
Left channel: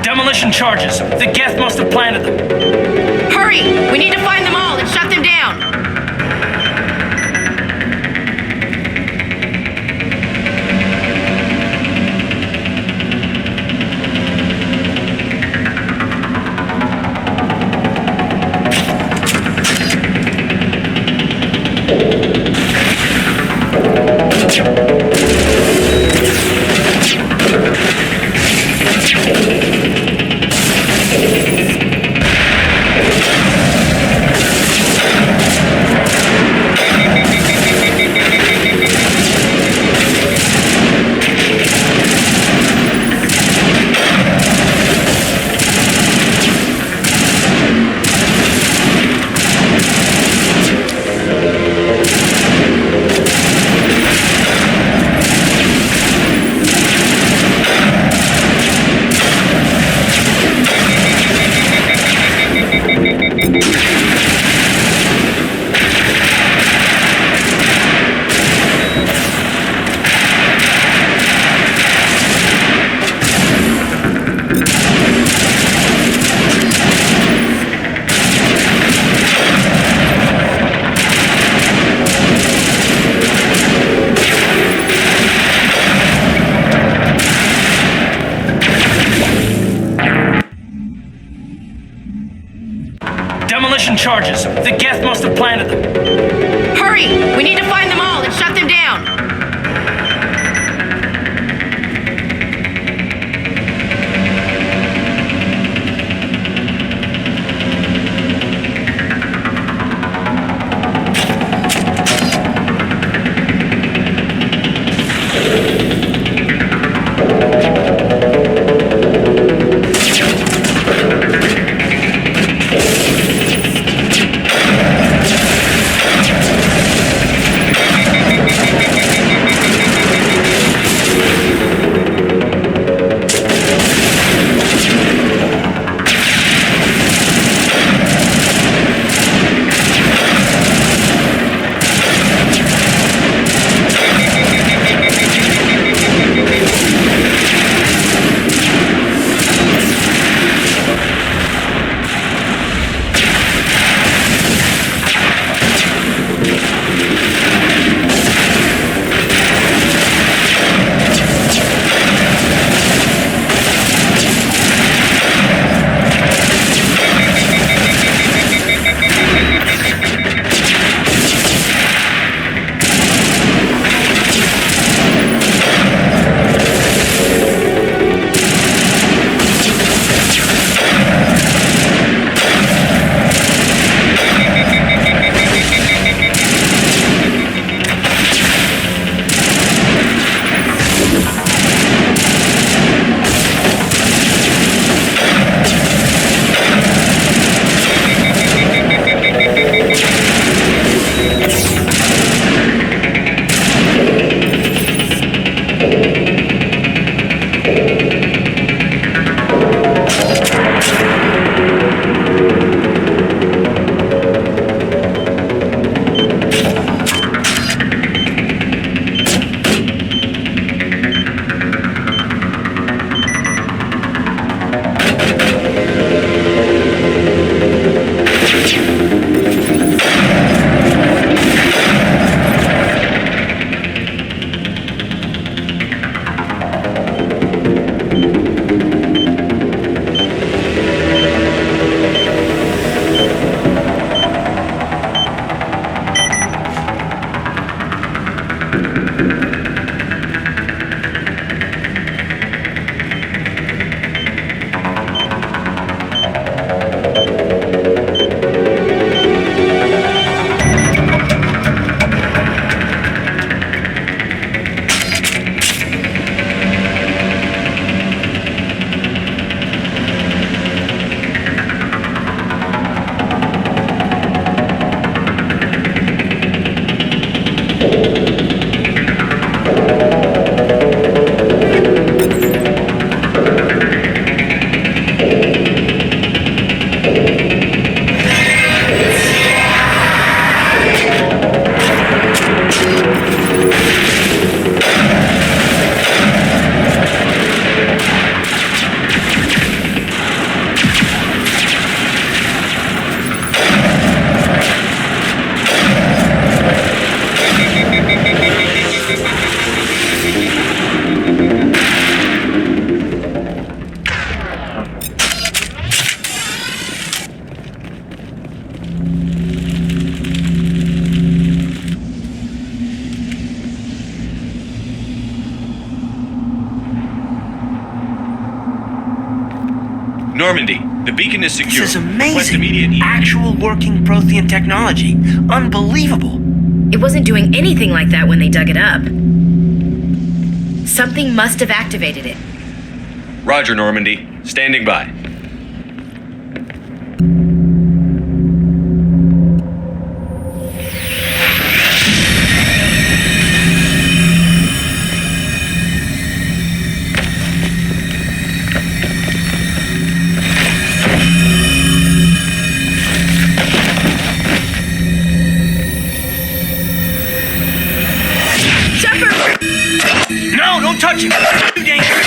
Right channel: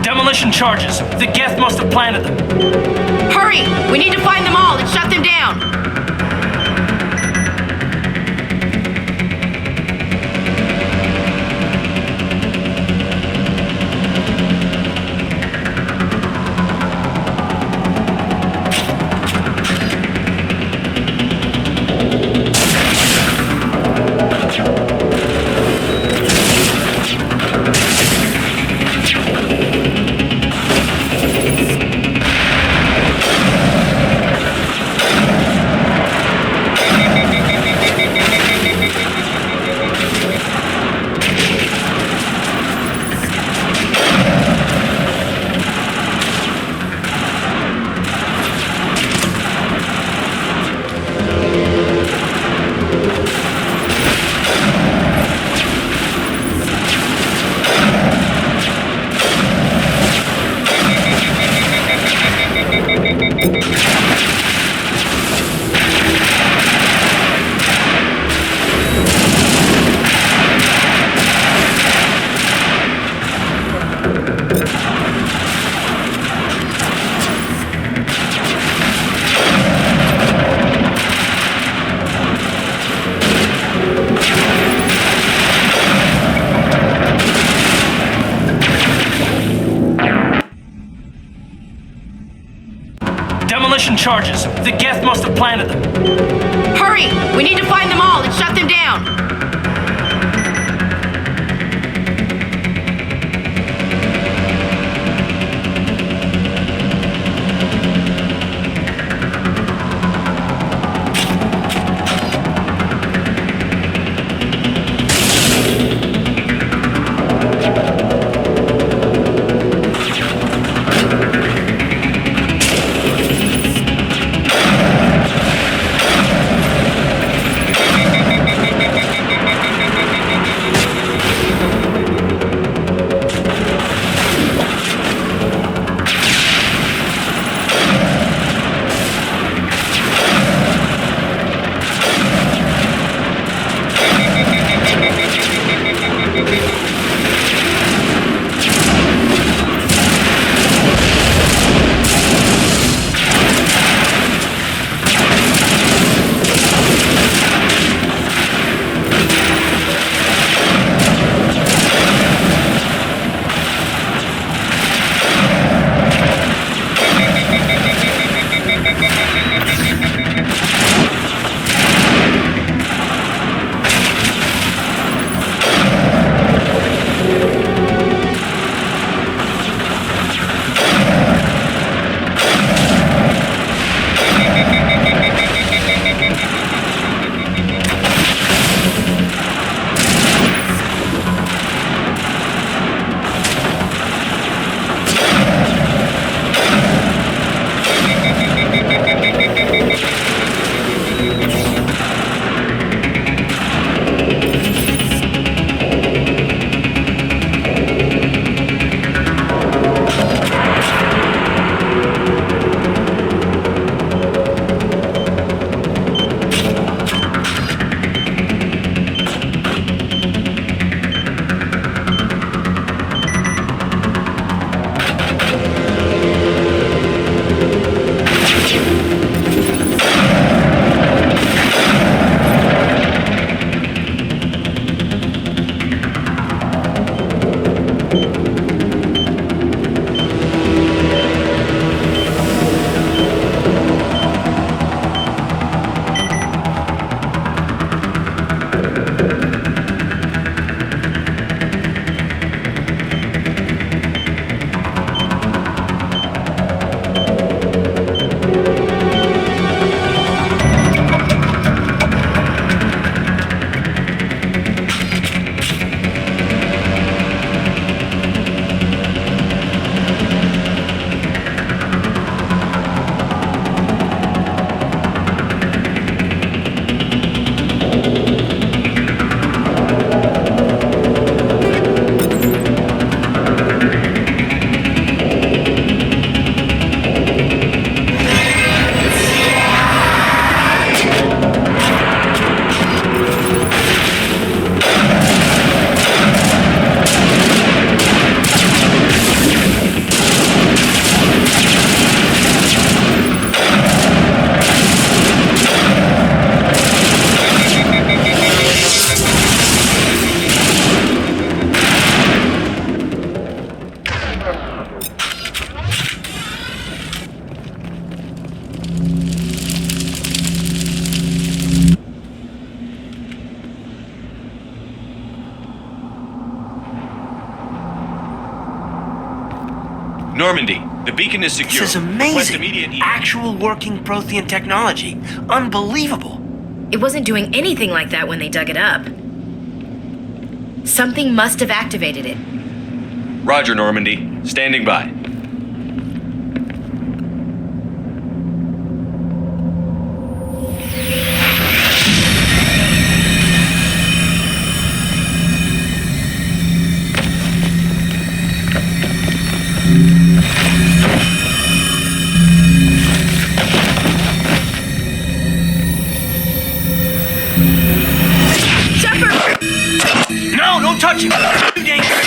Demolition charges. The Geth must have planted them. Hurry! We need to find them all and shut them down! Demolition charges. The Geth must have planted them. Hurry! We need to find them all and shut them down! Normandy, the beacon is secure. This is Request amazing. immediate Actual working Prothean technology. Unbelievable. It wasn't doing anything like that when they dug it up. Something must have activated it. Roger, Normandy. Standing by. No, don't touch him. Too dangerous.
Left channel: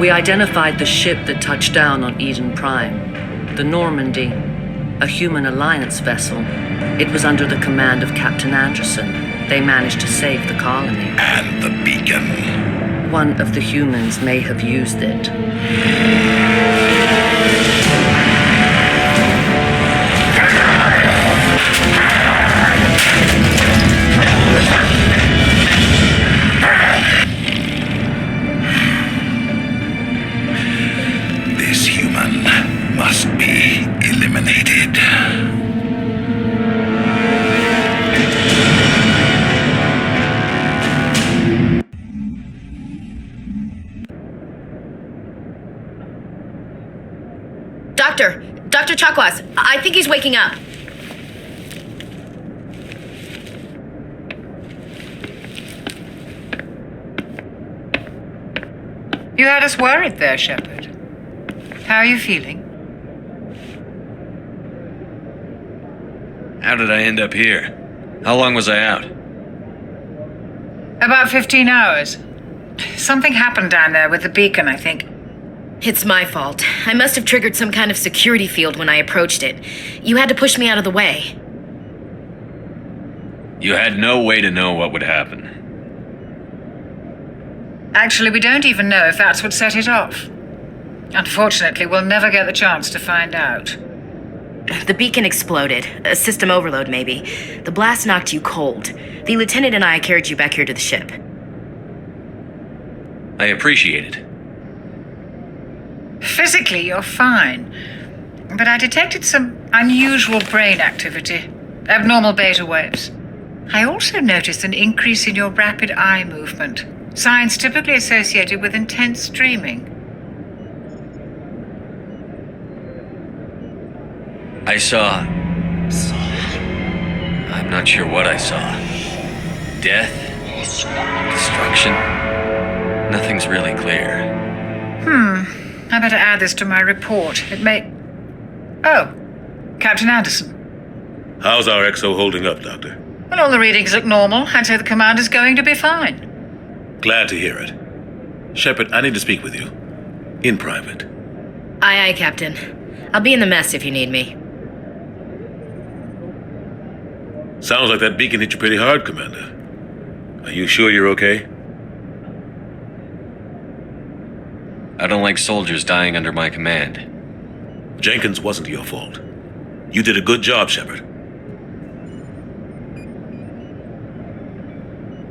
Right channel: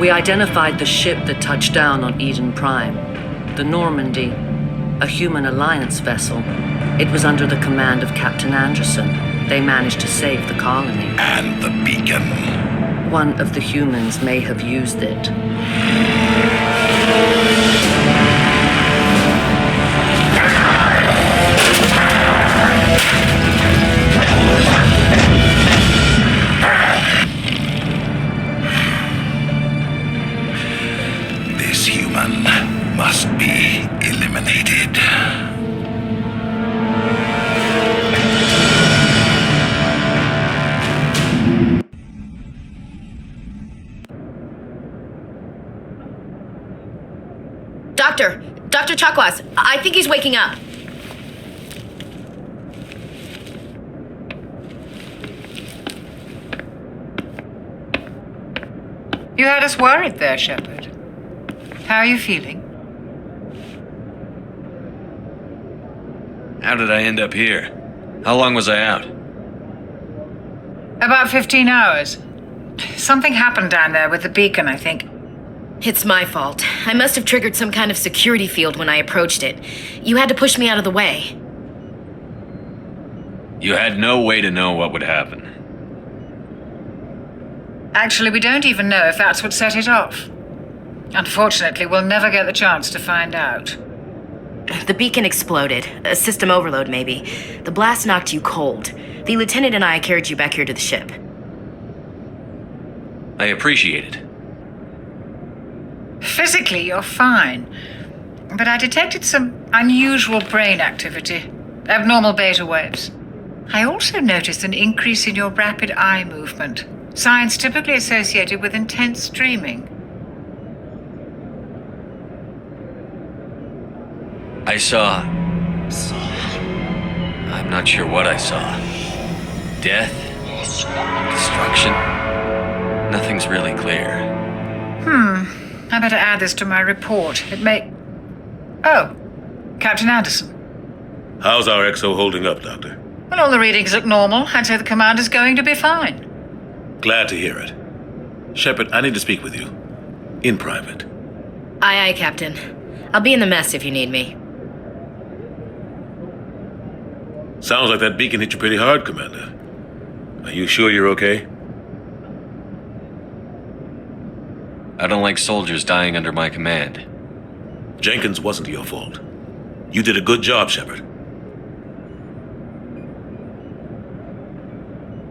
We identified the ship that touched down on Eden Prime, the Normandy, a human alliance vessel. It was under the command of Captain Anderson. They managed to save the colony. And the beacon. One of the humans may have used it. This human must be eliminated. Dr. Chakwas, I think he's waking up. You had us worried there, Shepard. How are you feeling? How did I end up here? How long was I out? About 15 hours. Something happened down there with the beacon, I think. It's my fault. I must have triggered some kind of security field when I approached it. You had to push me out of the way. You had no way to know what would happen. Actually, we don't even know if that's what set it off. Unfortunately, we'll never get the chance to find out. The beacon exploded. A system overload, maybe. The blast knocked you cold. The lieutenant and I carried you back here to the ship. I appreciate it. Physically, you're fine. But I detected some unusual brain activity. Abnormal beta waves. I also noticed an increase in your rapid eye movement. Signs typically associated with intense dreaming. I saw... I'm not sure what I saw. Death? Destruction? Nothing's really clear. I better add this to my report. It may... Oh, Captain Anderson. How's our XO holding up, Doctor? Well, all the readings look normal. I'd say the commander's going to be fine. Glad to hear it. Shepard, I need to speak with you. In private. Aye, aye, Captain. I'll be in the mess if you need me. Sounds like that beacon hit you pretty hard, Commander. Are you sure you're okay? I don't like soldiers dying under my command. Jenkins wasn't your fault. You did a good job, Shepard.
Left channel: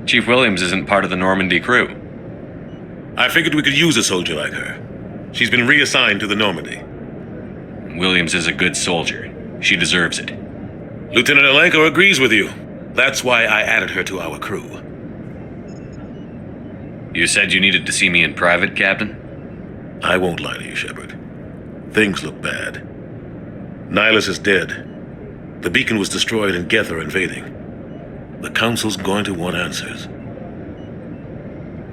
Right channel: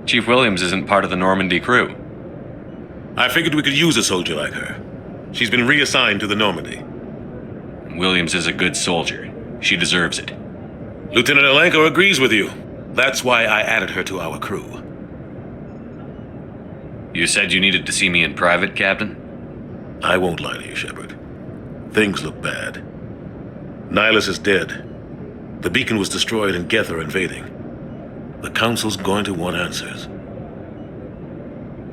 Chief Williams isn't part of the Normandy crew. I figured we could use a soldier like her. She's been reassigned to the Normandy. Williams is a good soldier. She deserves it. Lieutenant Alenko agrees with you. That's why I added her to our crew. You said you needed to see me in private, Captain? I won't lie to you, Shepard. Things look bad. Nihilus is dead. The beacon was destroyed and Geth are invading. The Council's going to want answers.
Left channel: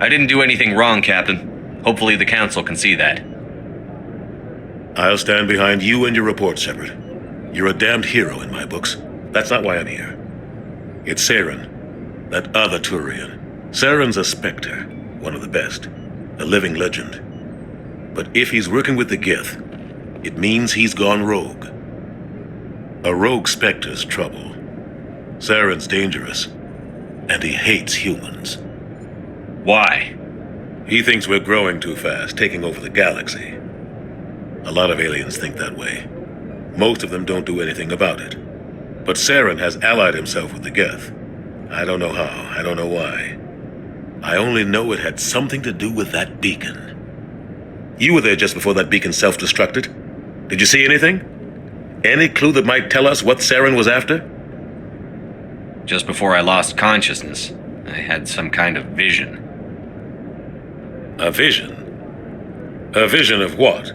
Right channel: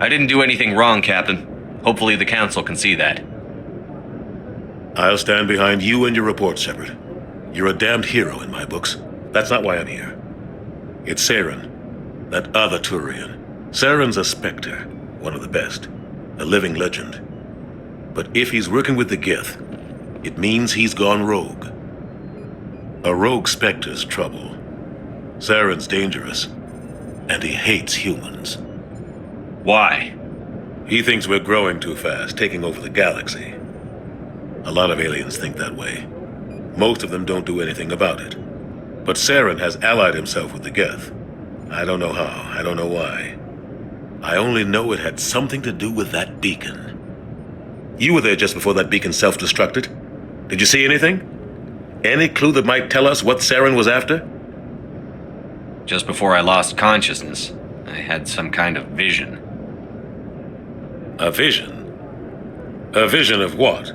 I didn't do anything wrong, Captain. Hopefully the Council can see that. I'll stand behind you and your report, Shepard. You're a damned hero in my books. That's not why I'm here. It's Saren, that other Turian. Saren's a Spectre, one of the best, a living legend. But if he's working with the Geth, it means he's gone rogue. A rogue Spectre's trouble. Saren's dangerous, and he hates humans. Why? He thinks we're growing too fast, taking over the galaxy. A lot of aliens think that way. Most of them don't do anything about it. But Saren has allied himself with the Geth. I don't know how, I don't know why. I only know it had something to do with that beacon. You were there just before that beacon self-destructed. Did you see anything? Any clue that might tell us what Saren was after? Just before I lost consciousness, I had some kind of vision. A vision? A vision of what?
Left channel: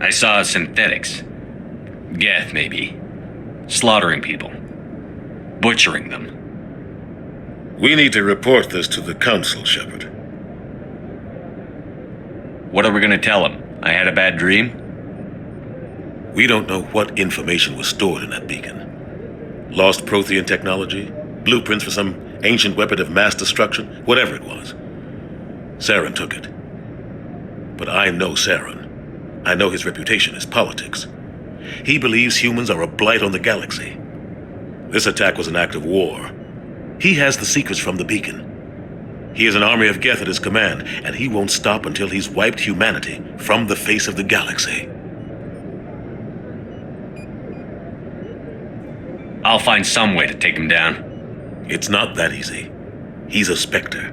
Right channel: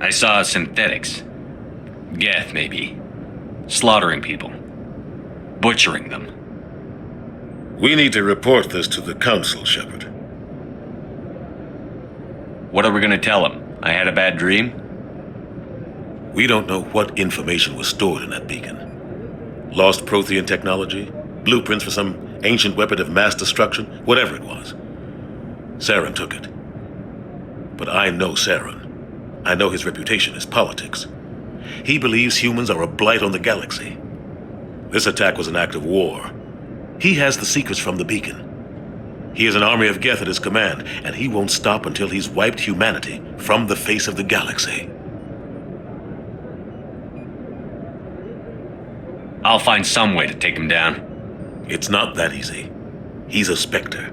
I saw synthetics. Geth, maybe. Slaughtering people. Butchering them. We need to report this to the Council, Shepard. What are we gonna tell them? I had a bad dream? We don't know what information was stored in that beacon. Lost Prothean technology? Blueprints for some ancient weapon of mass destruction? Whatever it was. Saren took it. But I know Saren. I know his reputation is politics. He believes humans are a blight on the galaxy. This attack was an act of war. He has the secrets from the beacon. He has an army of Geth at his command, and he won't stop until he's wiped humanity from the face of the galaxy. I'll find some way to take him down. It's not that easy. He's a Spectre.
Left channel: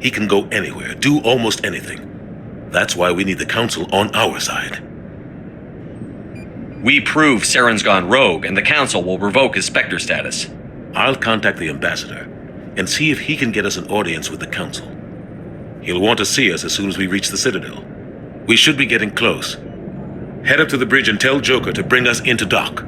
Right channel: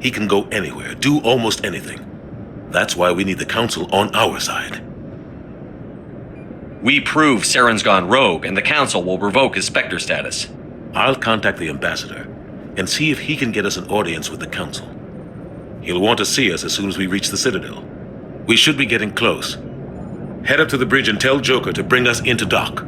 He can go anywhere, do almost anything. That's why we need the Council on our side. We prove Saren's gone rogue, and the Council will revoke his Spectre status. I'll contact the Ambassador and see if he can get us an audience with the Council. He'll want to see us as soon as we reach the Citadel. We should be getting close. Head up to the bridge and tell Joker to bring us into dock.